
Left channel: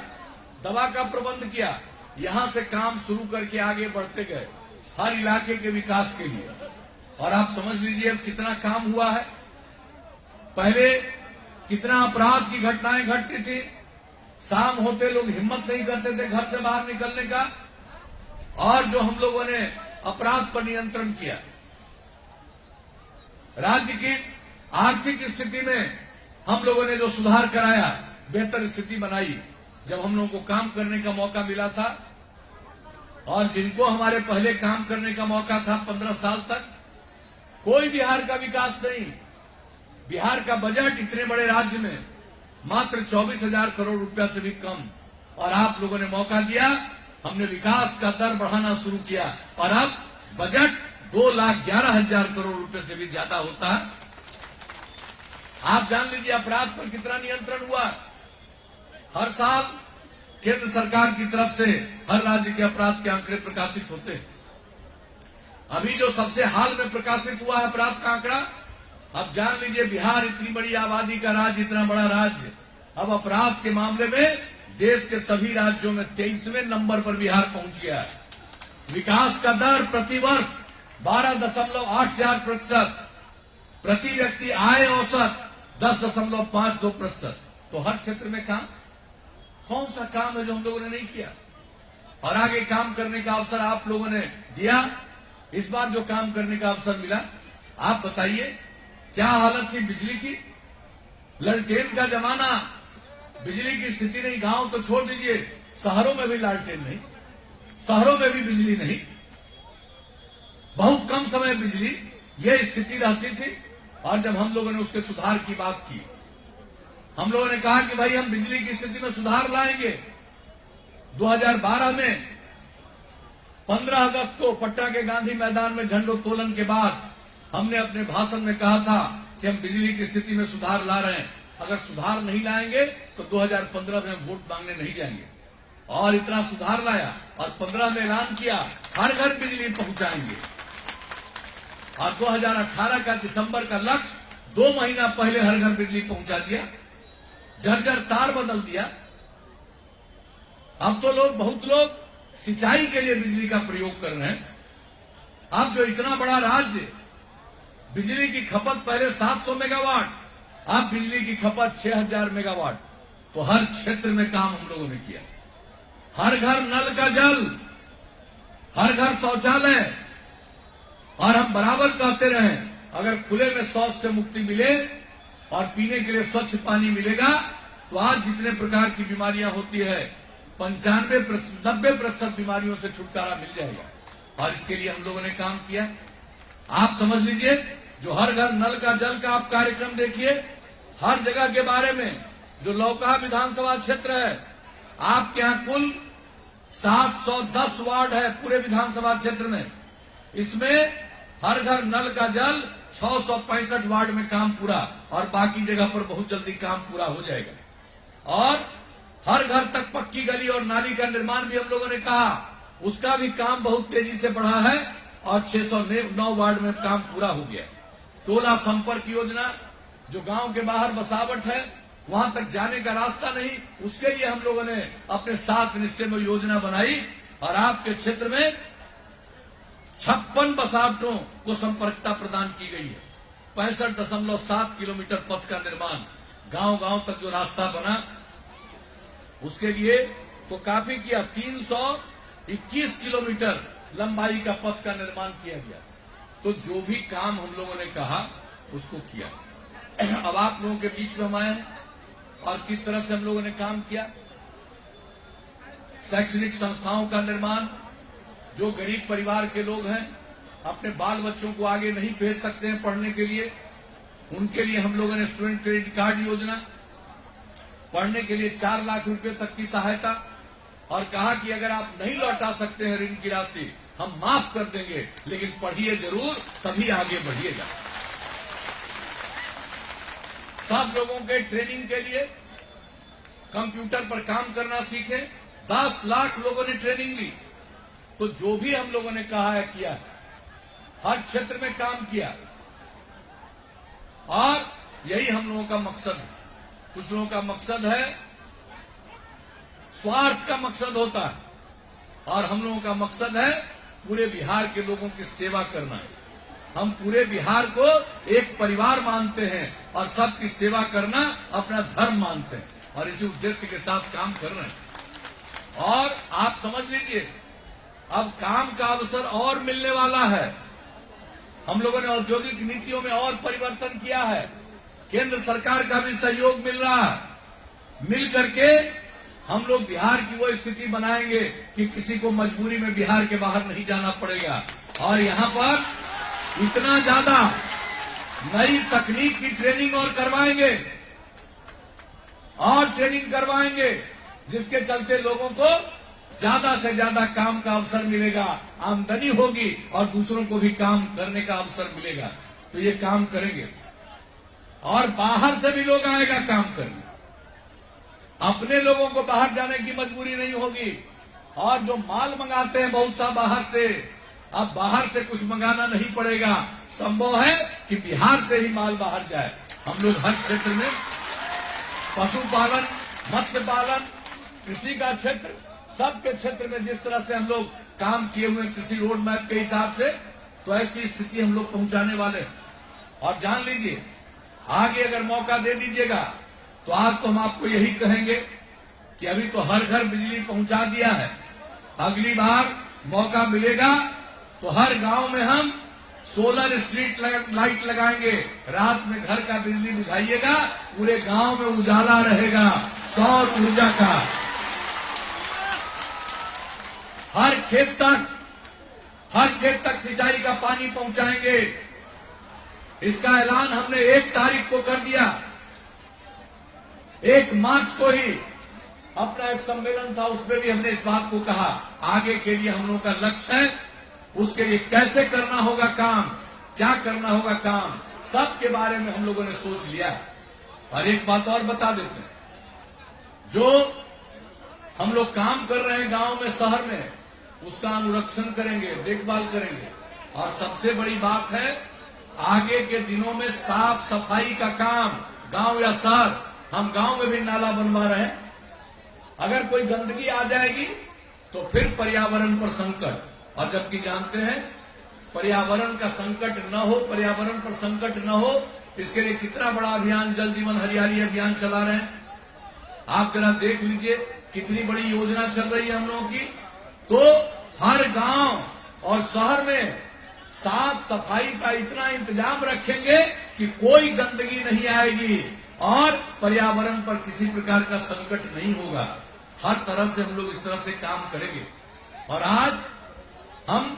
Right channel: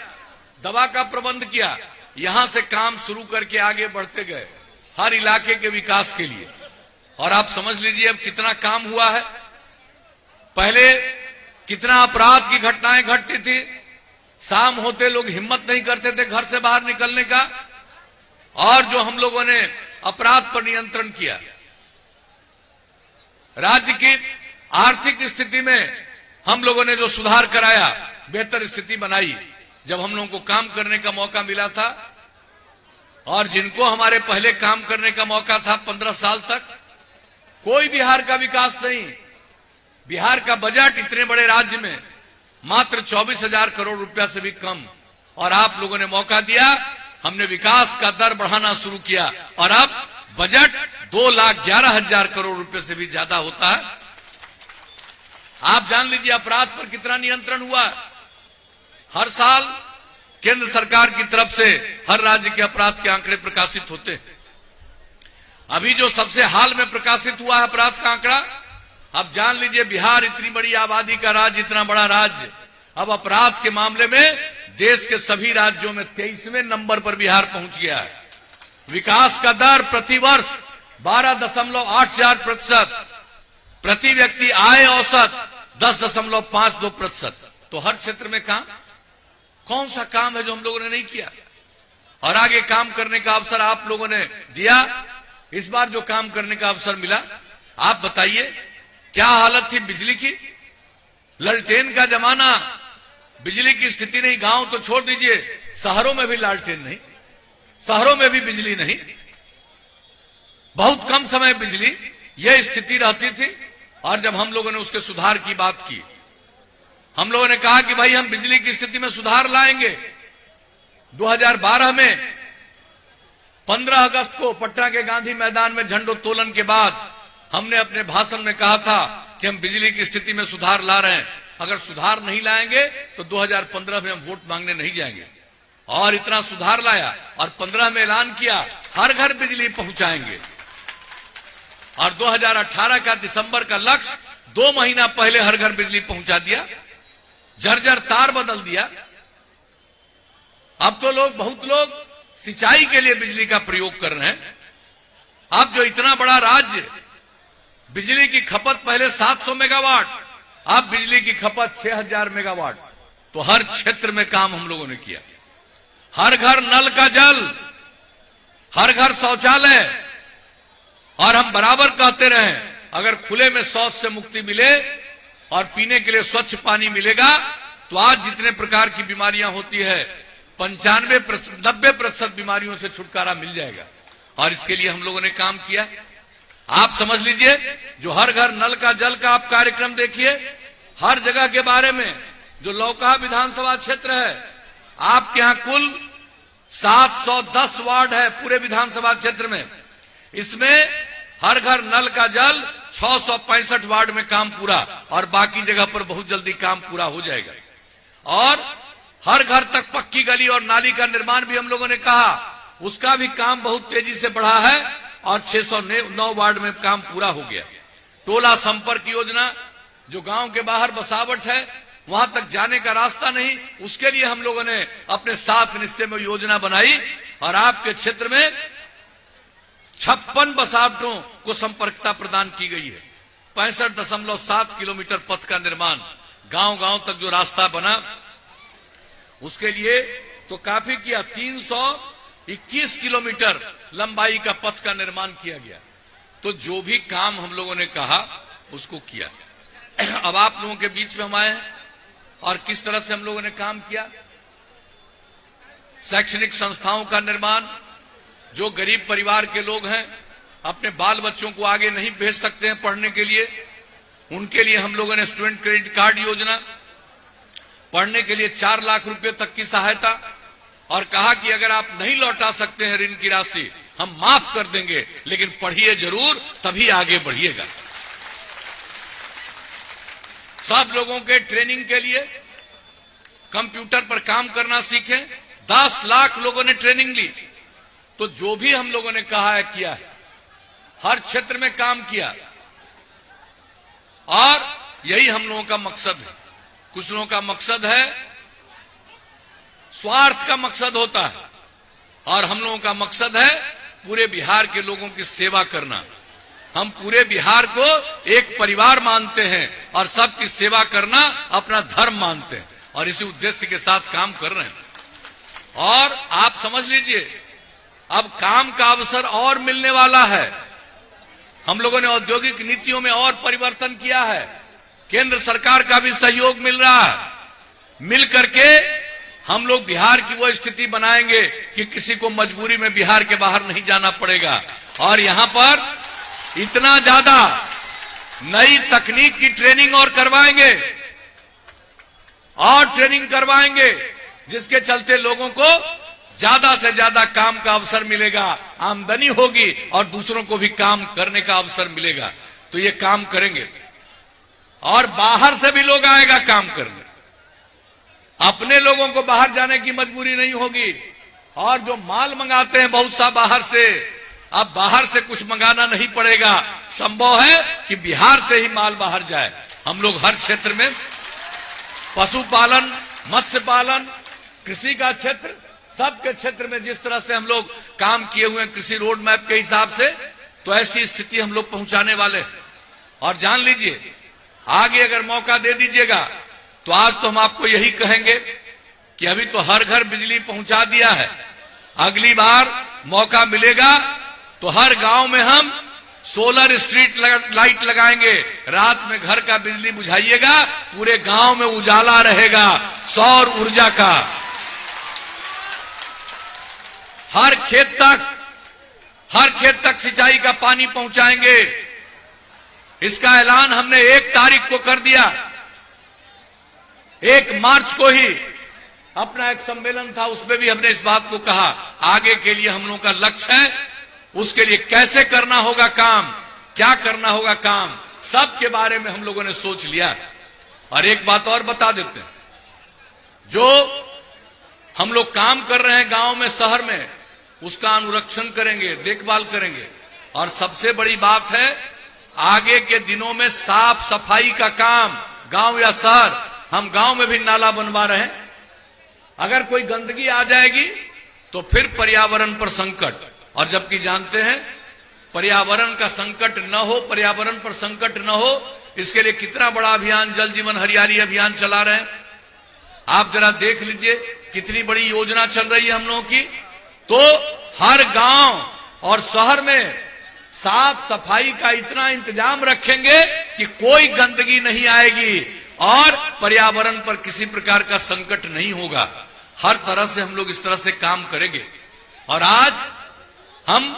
दवा का प्रबंध किया। यहां से काम शुरू करके आगे बढ़ते गए हर इलाके के विकास के लिए। और आप समझ लीजिए अब कितना काम हुआ है। पहले कितना अपराध की घटनाएं घटती थी, शाम होते लोग हिम्मत नहीं करते थे घर से बाहर निकलने का। और जो हम लोगों ने अपराध पर नियंत्रण किया, राज्य की आर्थिक स्थिति में हम लोगों ने जो सुधार कराया, बेहतर स्थिति बनाई। जब हम लोगों को काम करने का मौका मिला था, और जिनको हमारे पहले काम करने का मौका था 15 साल तक, कोई बिहार का विकास नहीं। बिहार का बजट इतने बड़े राज्य में मात्र 24,000 करोड़ रुपया से भी कम। और आप लोगों ने मौका दिया, हमने विकास का दर बढ़ाना शुरू किया और अब बजट 2,11,000 करोड़ रुपए से भी ज्यादा होता है। आप जान लीजिए अपराध पर कितना नियंत्रण हुआ। हर साल केंद्र सरकार की तरफ से हर राज्य के अपराध के आंकड़े प्रकाशित होते हैं। अभी जो सबसे हाल में प्रकाशित हुआ है अपराध का आंकड़ा, अब जान लीजिए बिहार इतनी बड़ी आबादी का राज्य, इतना बड़ा राज्य, अब अपराध के मामले में देश के सभी राज्यों में 23वें नंबर पर बिहार पहुंच गया है। विकास का दर प्रतिवर्ष 12.84%, प्रति व्यक्ति आय औसत 10.52%। तो हर क्षेत्र में काम, कौन सा काम है जो हम लोगों ने नहीं किया। और आगे काम करने का अवसर आप लोगों ने दिया। इस बार जो काम करने का अवसर मिला, आप बताइए क्या हालत थी बिजली की। लालटेन का जमाना, बिजली की स्थिति नहीं। गांव तो छोड़ दीजिए, शहरों में भी लालटेन नहीं, शहरों में भी बिजली नहीं, बहुत कम समय बिजली, यह स्थिति रहती थी। और जब हम लोगों ने उसके सुधार की बात की, हम लोगों ने कहा कि भाई हम बिजली की स्थिति में सुधार लाएंगे। 2012 में 15 अगस्त को पटना के गांधी मैदान में झंडोत्तोलन के बाद हमने अपने भाषण में कहा था कि हम बिजली की स्थिति में सुधार ला रहे हैं। अगर सुधार नहीं लाएंगे तो 2015 में हम वोट मांगने नहीं जाएंगे। और इतना सुधार लाया और 15 में ऐलान किया हर घर बिजली पहुंचाएंगे। और 2018 का दिसंबर का लक्ष्य 2 महीना पहले हर घर बिजली पहुंचा दिया। जर्जर तार बदल दिया। अब तो बहुत लोग सिंचाई के लिए बिजली का प्रयोग कर रहे हैं। अब जो इतना बड़ा राज्य, बिजली की खपत पहले 700 मेगावाट, अब बिजली की खपत 6000 मेगावाट। तो हर क्षेत्र में काम हम लोगों ने किया। हर घर नल का जल, हर घर शौचालय। और हम बराबर कहते रहे, अगर खुले में शौच से मुक्ति मिले और पीने के लिए स्वच्छ पानी मिलेगा तो आज जितने प्रकार की बीमारियां होती है 95-90% बीमारियों से छुटकारा मिल जाएगा। और इसके लिए हम लोगों ने काम किया। आप समझ लीजिए, जो हर घर नल का जल का आप कार्यक्रम देखिए, हर जगह के बारे में। जो लौका विधानसभा क्षेत्र है, आपके यहां कुल 710 वार्ड है पूरे विधानसभा क्षेत्र में। इसमें हर घर नल का जल 665 वार्ड में काम पूरा, और बाकी जगह पर बहुत जल्दी काम पूरा हो जाएगा। और हर घर तक पक्की गली और नाली का निर्माण भी हम लोगों ने कहा, उसका भी काम बहुत तेजी से बढ़ा है और 609 वार्ड में काम पूरा हो गया। टोला संपर्क योजना, जो गांव के बाहर बसावट है, वहां तक जाने का रास्ता नहीं, उसके लिए हम लोगों ने अपने 7 निश्चय में योजना बनाई। और आपके क्षेत्र में 56 बसावटों को संपर्कता प्रदान की गई है। 65.7 किलोमीटर पथ का निर्माण, गांव गांव तक जो रास्ता बना उसके लिए तो काफी किया। 321 किलोमीटर लंबाई का पथ का निर्माण किया गया। तो जो भी काम हम लोगों ने कहा उसको किया। अब आप लोगों के बीच में हम आए हैं और किस तरह से हम लोगों ने काम किया। शैक्षणिक संस्थाओं का निर्माण, जो गरीब परिवार के लोग हैं, अपने बाल बच्चों को आगे नहीं भेज सकते हैं पढ़ने के लिए, उनके लिए हम लोगों ने स्टूडेंट क्रेडिट कार्ड योजना, पढ़ने के लिए 4 लाख रुपए तक की सहायता, और कहा कि अगर आप नहीं लौटा सकते हैं ऋण की राशि, हम माफ कर देंगे, लेकिन पढ़िए जरूर, तभी आगे बढ़िएगा। सब लोगों के ट्रेनिंग के लिए कंप्यूटर पर काम करना सीखे। 10 लाख लोगों ने ट्रेनिंग ली। तो जो भी हम लोगों ने कहा है किया है, हर क्षेत्र में काम किया। और यही हम लोगों का मकसद है। कुछ लोगों का मकसद है, स्वार्थ का मकसद होता है, और हम लोगों का मकसद है पूरे बिहार के लोगों की सेवा करना। हम पूरे बिहार को एक परिवार मानते हैं और सबकी सेवा करना अपना धर्म मानते हैं, और इसी उद्देश्य के साथ काम कर रहे हैं। और आप समझ लीजिए, अब काम का अवसर और मिलने वाला है। हम लोगों ने औद्योगिक नीतियों में और परिवर्तन किया है। केंद्र सरकार का भी सहयोग मिल रहा है। मिल करके हम लोग बिहार की वो स्थिति बनाएंगे कि किसी को मजबूरी में बिहार के बाहर नहीं जाना पड़ेगा। और यहां पर इतना ज्यादा नई तकनीक की ट्रेनिंग और करवाएंगे, और ट्रेनिंग करवाएंगे, जिसके चलते लोगों को ज्यादा से ज्यादा काम का अवसर मिलेगा, आमदनी होगी, और दूसरों को भी काम करने का अवसर मिलेगा। तो ये काम करेंगे, और बाहर से भी लोग आएगा काम करने। अपने लोगों को बाहर जाने की मजबूरी नहीं होगी। और जो माल मंगाते हैं बहुत सा बाहर से, अब बाहर से कुछ मंगाना नहीं पड़ेगा। संभव है कि बिहार से ही माल बाहर जाए। हम लोग हर क्षेत्र में पशुपालन, मत्स्य पालन, कृषि का क्षेत्र, सबके क्षेत्र में जिस तरह से हम लोग काम किए हुए हैं कृषि रोड मैप के हिसाब से, तो ऐसी स्थिति हम लोग पहुंचाने वाले। और जान लीजिए, आगे अगर मौका दे दीजिएगा तो आज तो हम आपको यही कहेंगे कि अभी तो हर घर बिजली पहुंचा दिया है। अगली बार मौका मिलेगा तो हर गांव में हम सोलर स्ट्रीट लाइट लगाएंगे। रात में घर का बिजली बुझाइएगा, पूरे गांव में उजाला रहेगा सौर ऊर्जा का। हर खेत तक सिंचाई का पानी पहुंचाएंगे। इसका ऐलान हमने 1 तारीख को कर दिया। 1 मार्च को ही अपना एक सम्मेलन था, उसमें भी हमने इस बात को कहा। आगे के लिए हम लोगों का लक्ष्य है, उसके लिए कैसे करना होगा काम, क्या करना होगा काम, सब के बारे में हम लोगों ने सोच लिया। और एक बात और बता देते हैं, जो हम लोग काम कर रहे हैं गांव में, शहर में, उसका अनुरक्षण करेंगे, देखभाल करेंगे। और सबसे बड़ी बात है, आगे के दिनों में साफ सफाई का काम, गांव या शहर, हम गांव में भी नाला बनवा रहे हैं, अगर कोई गंदगी आ जाएगी तो फिर पर्यावरण पर संकट, और जबकि जानते हैं पर्यावरण का संकट न हो, पर्यावरण पर संकट न हो, इसके लिए कितना बड़ा अभियान जल जीवन हरियाली अभियान चला रहे हैं। आप जरा देख लीजिए कितनी बड़ी योजना चल रही है हम लोगों की। तो हर गांव और शहर में साफ सफाई का इतना इंतजाम रखेंगे कि कोई गंदगी नहीं आएगी और पर्यावरण पर किसी प्रकार का संकट नहीं होगा। हर तरह से हम लोग इस तरह से काम करेंगे। और आज हम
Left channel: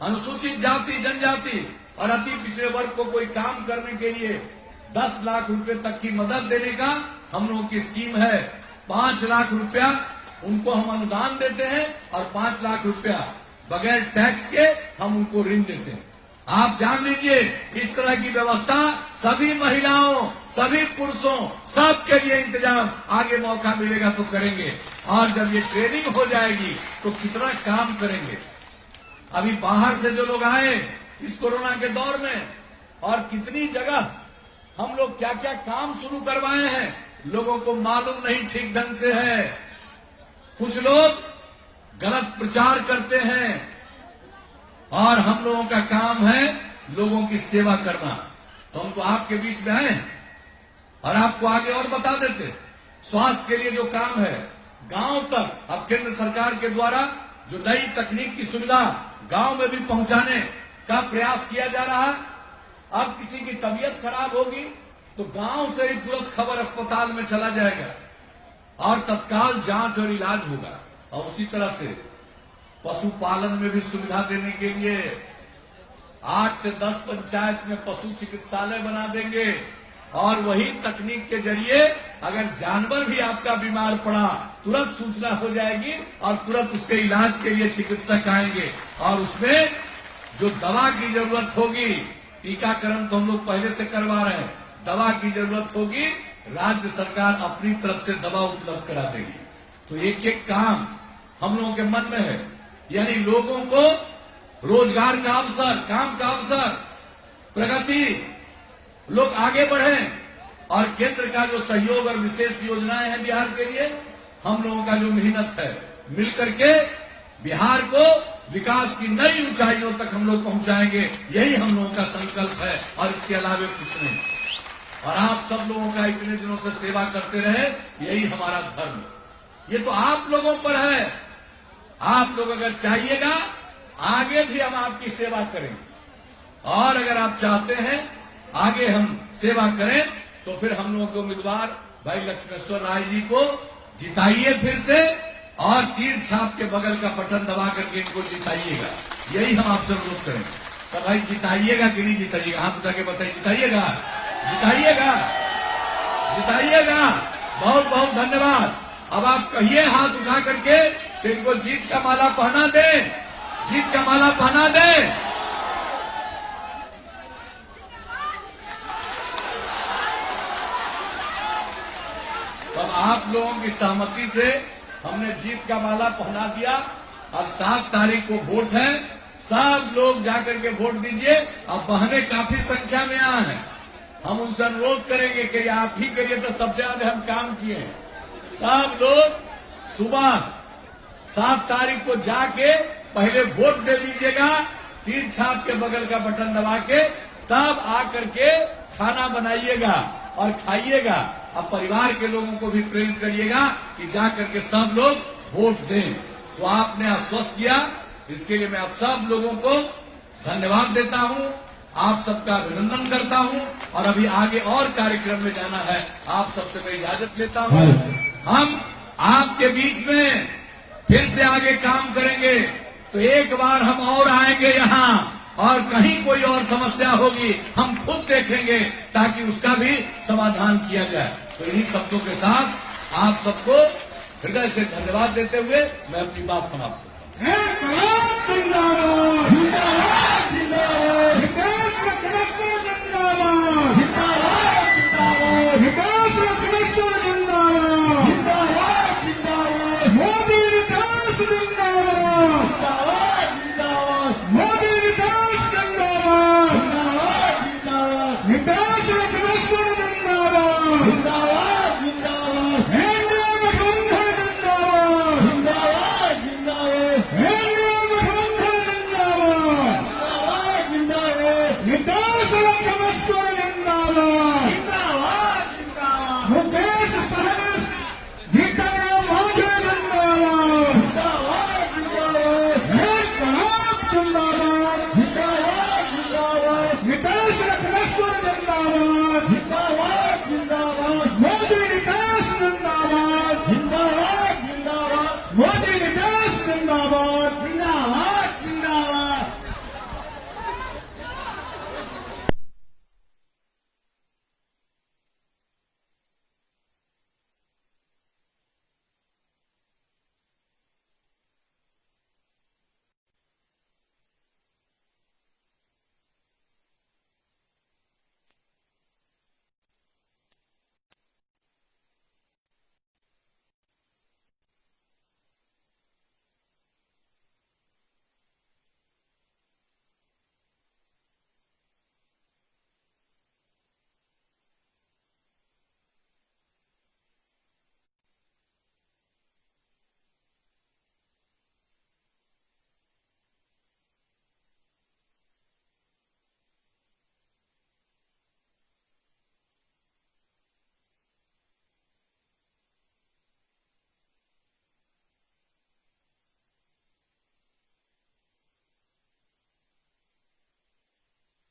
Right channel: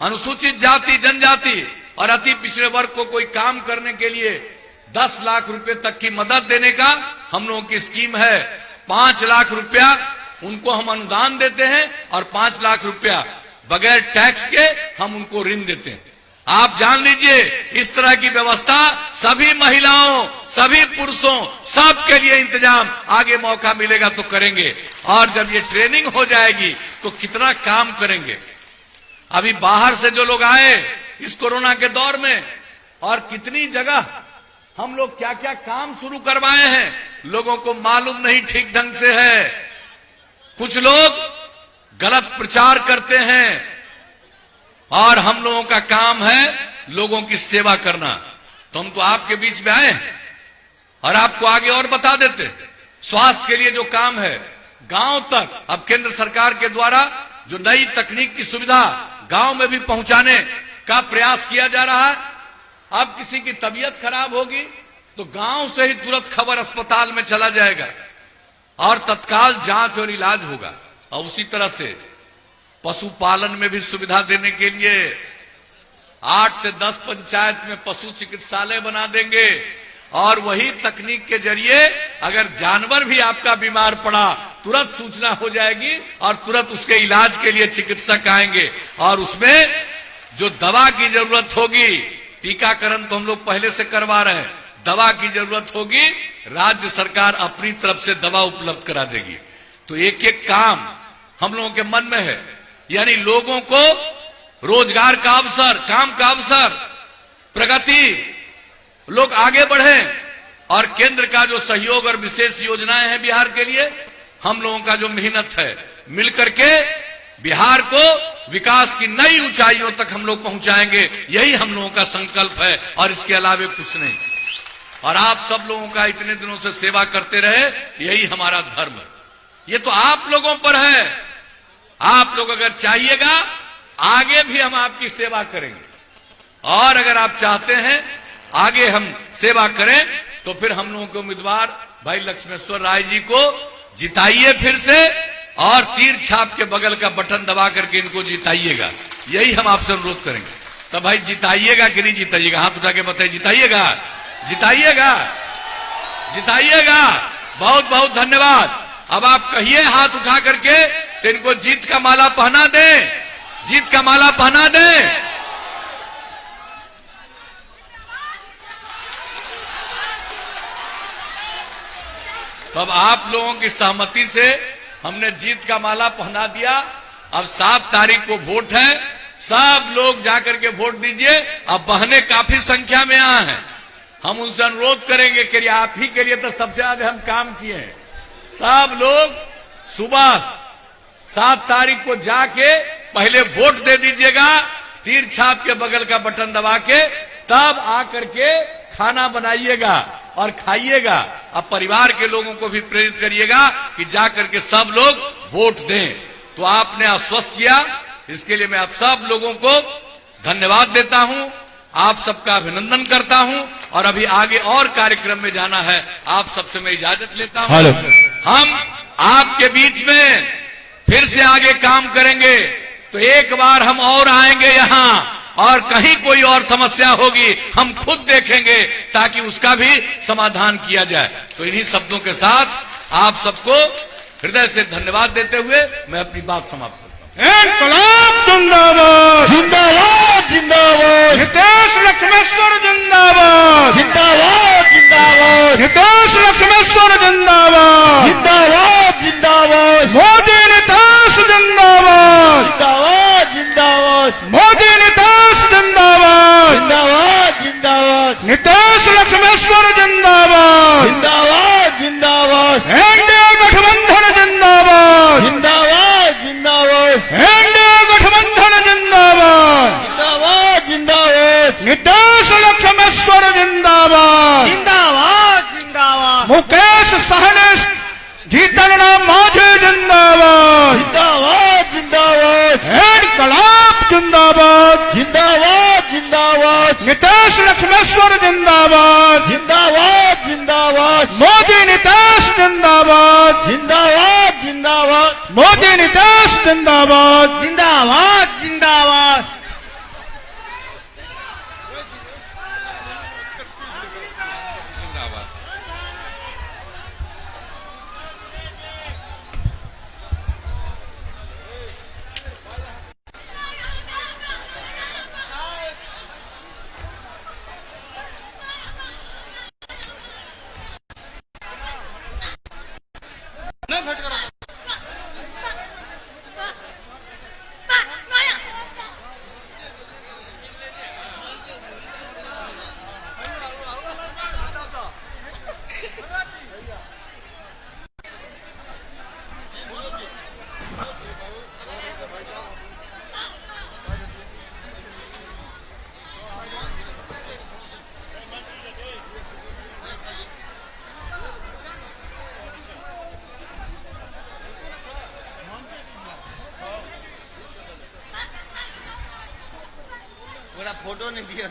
अनुसूचित जाति, जनजाति और अति पिछड़े वर्ग को कोई काम करने के लिए 10 लाख रुपए तक की मदद देने का हम लोगों की स्कीम है। 5 लाख रुपया उनको हम अनुदान देते हैं और 5 लाख रुपया बगैर टैक्स के हम उनको ऋण देते हैं। आप जान लीजिए इस तरह की व्यवस्था सभी महिलाओं, सभी पुरुषों, सबके लिए इंतजाम आगे मौका मिलेगा तो करेंगे। और जब ये ट्रेनिंग हो जाएगी तो कितना काम करेंगे। अभी बाहर से जो लोग आए इस कोरोना के दौर में, और कितनी जगह हम लोग क्या क्या काम शुरू करवाए हैं, लोगों को मालूम नहीं ठीक ढंग से है। कुछ लोग गलत प्रचार करते हैं और हम लोगों का काम है लोगों की सेवा करना। तो हम तो आपके बीच में आए हैं और आपको आगे और बता देते। स्वास्थ्य के लिए जो काम है गांव तक, अब केंद्र सरकार के द्वारा जो नई तकनीक की सुविधा गांव में भी पहुंचाने का प्रयास किया जा रहा है। अब किसी की तबीयत खराब होगी तो गांव से ही तुरंत खबर अस्पताल में चला जाएगा और तत्काल जांच और इलाज होगा। और उसी तरह से पशुपालन में भी सुविधा देने के लिए 8 से 10 पंचायत में पशु चिकित्सालय बना देंगे। और वही तकनीक के जरिए अगर जानवर भी आपका बीमार पड़ा तुरंत सूचना हो जाएगी और तुरंत उसके इलाज के लिए चिकित्सक आएंगे। और उसमें जो दवा की जरूरत होगी, टीकाकरण तो हम लोग पहले से करवा रहे हैं, दवा की जरूरत होगी राज्य सरकार अपनी तरफ से दवा उपलब्ध करा देगी। तो एक एक काम हम लोगों के मन में है, यानी लोगों को रोजगार का अवसर, काम का अवसर, प्रगति, लोग आगे बढ़े। और केंद्र का जो सहयोग और विशेष योजनाएं हैं बिहार के लिए, हम लोगों का जो मेहनत है, मिलकर के बिहार को विकास की नई ऊंचाइयों तक हम लोग पहुंचाएंगे। यही हम लोगों का संकल्प है और इसके अलावा कुछ नहीं। और आप सब लोगों का इतने दिनों से सेवा करते रहे, यही हमारा धर्म है। ये तो आप लोगों पर है। आप लोग अगर चाहिएगा आगे भी हम आपकी सेवा करेंगे। और अगर आप चाहते हैं आगे हम सेवा करें तो फिर हम लोगों के उम्मीदवार भाई लक्ष्मेश्वर राय जी को जिताइए फिर से, और तीर छाप के बगल का बटन दबा करके इनको जिताइएगा। यही हम आपसे अनुरोध करेंगे। तो भाई जिताइएगा कि नहीं जिताइएगा? हाथ उठा के बताइए, जिताइएगा, जिताइएगा, जिताइएगा। बहुत बहुत धन्यवाद। अब आप कहिए हाथ उठा करके तो इनको जीत का माला पहना दे, जीत का माला पहना दे। तब आप लोगों की सहमति से हमने जीत का माला पहना दिया। अब 7 तारीख को वोट है, सब लोग जाकर के वोट दीजिए। अब बहने काफी संख्या में आए हैं, हम उनसे अनुरोध करेंगे कि आप ही के लिए तो सबसे ज्यादा हम काम किए हैं। सब लोग सुबह 7 तारीख को जाके पहले वोट दे दीजिएगा, तीर छाप के बगल का बटन दबा के, तब आकर के खाना बनाइएगा और खाइएगा। अब परिवार के लोगों को भी प्रेरित करिएगा कि जाकर के सब लोग वोट दें। तो आपने आश्वस्त किया, इसके लिए मैं आप सब लोगों को धन्यवाद देता हूं, आप सबका अभिनंदन करता हूं। और अभी आगे और कार्यक्रम में जाना है, आप सबसे मैं इजाजत लेता हूं। हम आपके बीच में फिर से आगे काम करेंगे। तो एक बार हम और आएंगे यहाँ, और कहीं कोई और समस्या होगी हम खुद देखेंगे ताकि उसका भी समाधान किया जाए। तो इन्हीं शब्दों के साथ आप सबको हृदय से धन्यवाद देते हुए मैं अपनी बात समाप्त करता हूं। इनकलाब जिंदाबाद, जिंदाबाद जिंदाबाद, हितेश लक्ष्मेश्वर जिंदाबाद, जिंदाबाद जिंदाबाद, हितेश लक्ष्मेश्वर जिंदाबाद, जिंदाबाद जिंदाबाद, मोदी नीतीश जिंदाबाद, जिंदाबाद जिंदाबाद, मोदी नीतीश जिंदाबाद, जिंदाबाद जिंदाबाद, हितेश लक्ष्मेश्वर जिंदाबाद, जिंदाबाद जिंदाबाद, एनडीए गठबंधन जिंदाबाद। मुकेश सहनी जीतन राम मांझी जिंदाबाद, जिंदाबाद जिंदाबाद इनकलाब जिंदाबाद, जिंदाबाद जिंदाबाद नितेश लक्ष्मेश्वर जिंदाबाद, जिंदाबाद जिंदाबाद मोदी नितेश जिंदाबाद, जिंदाबाद जिंदाबाद मोदी नितेश जिंदाबाद, जिंदाबाद जिंदाबाद फोटो नहीं दिया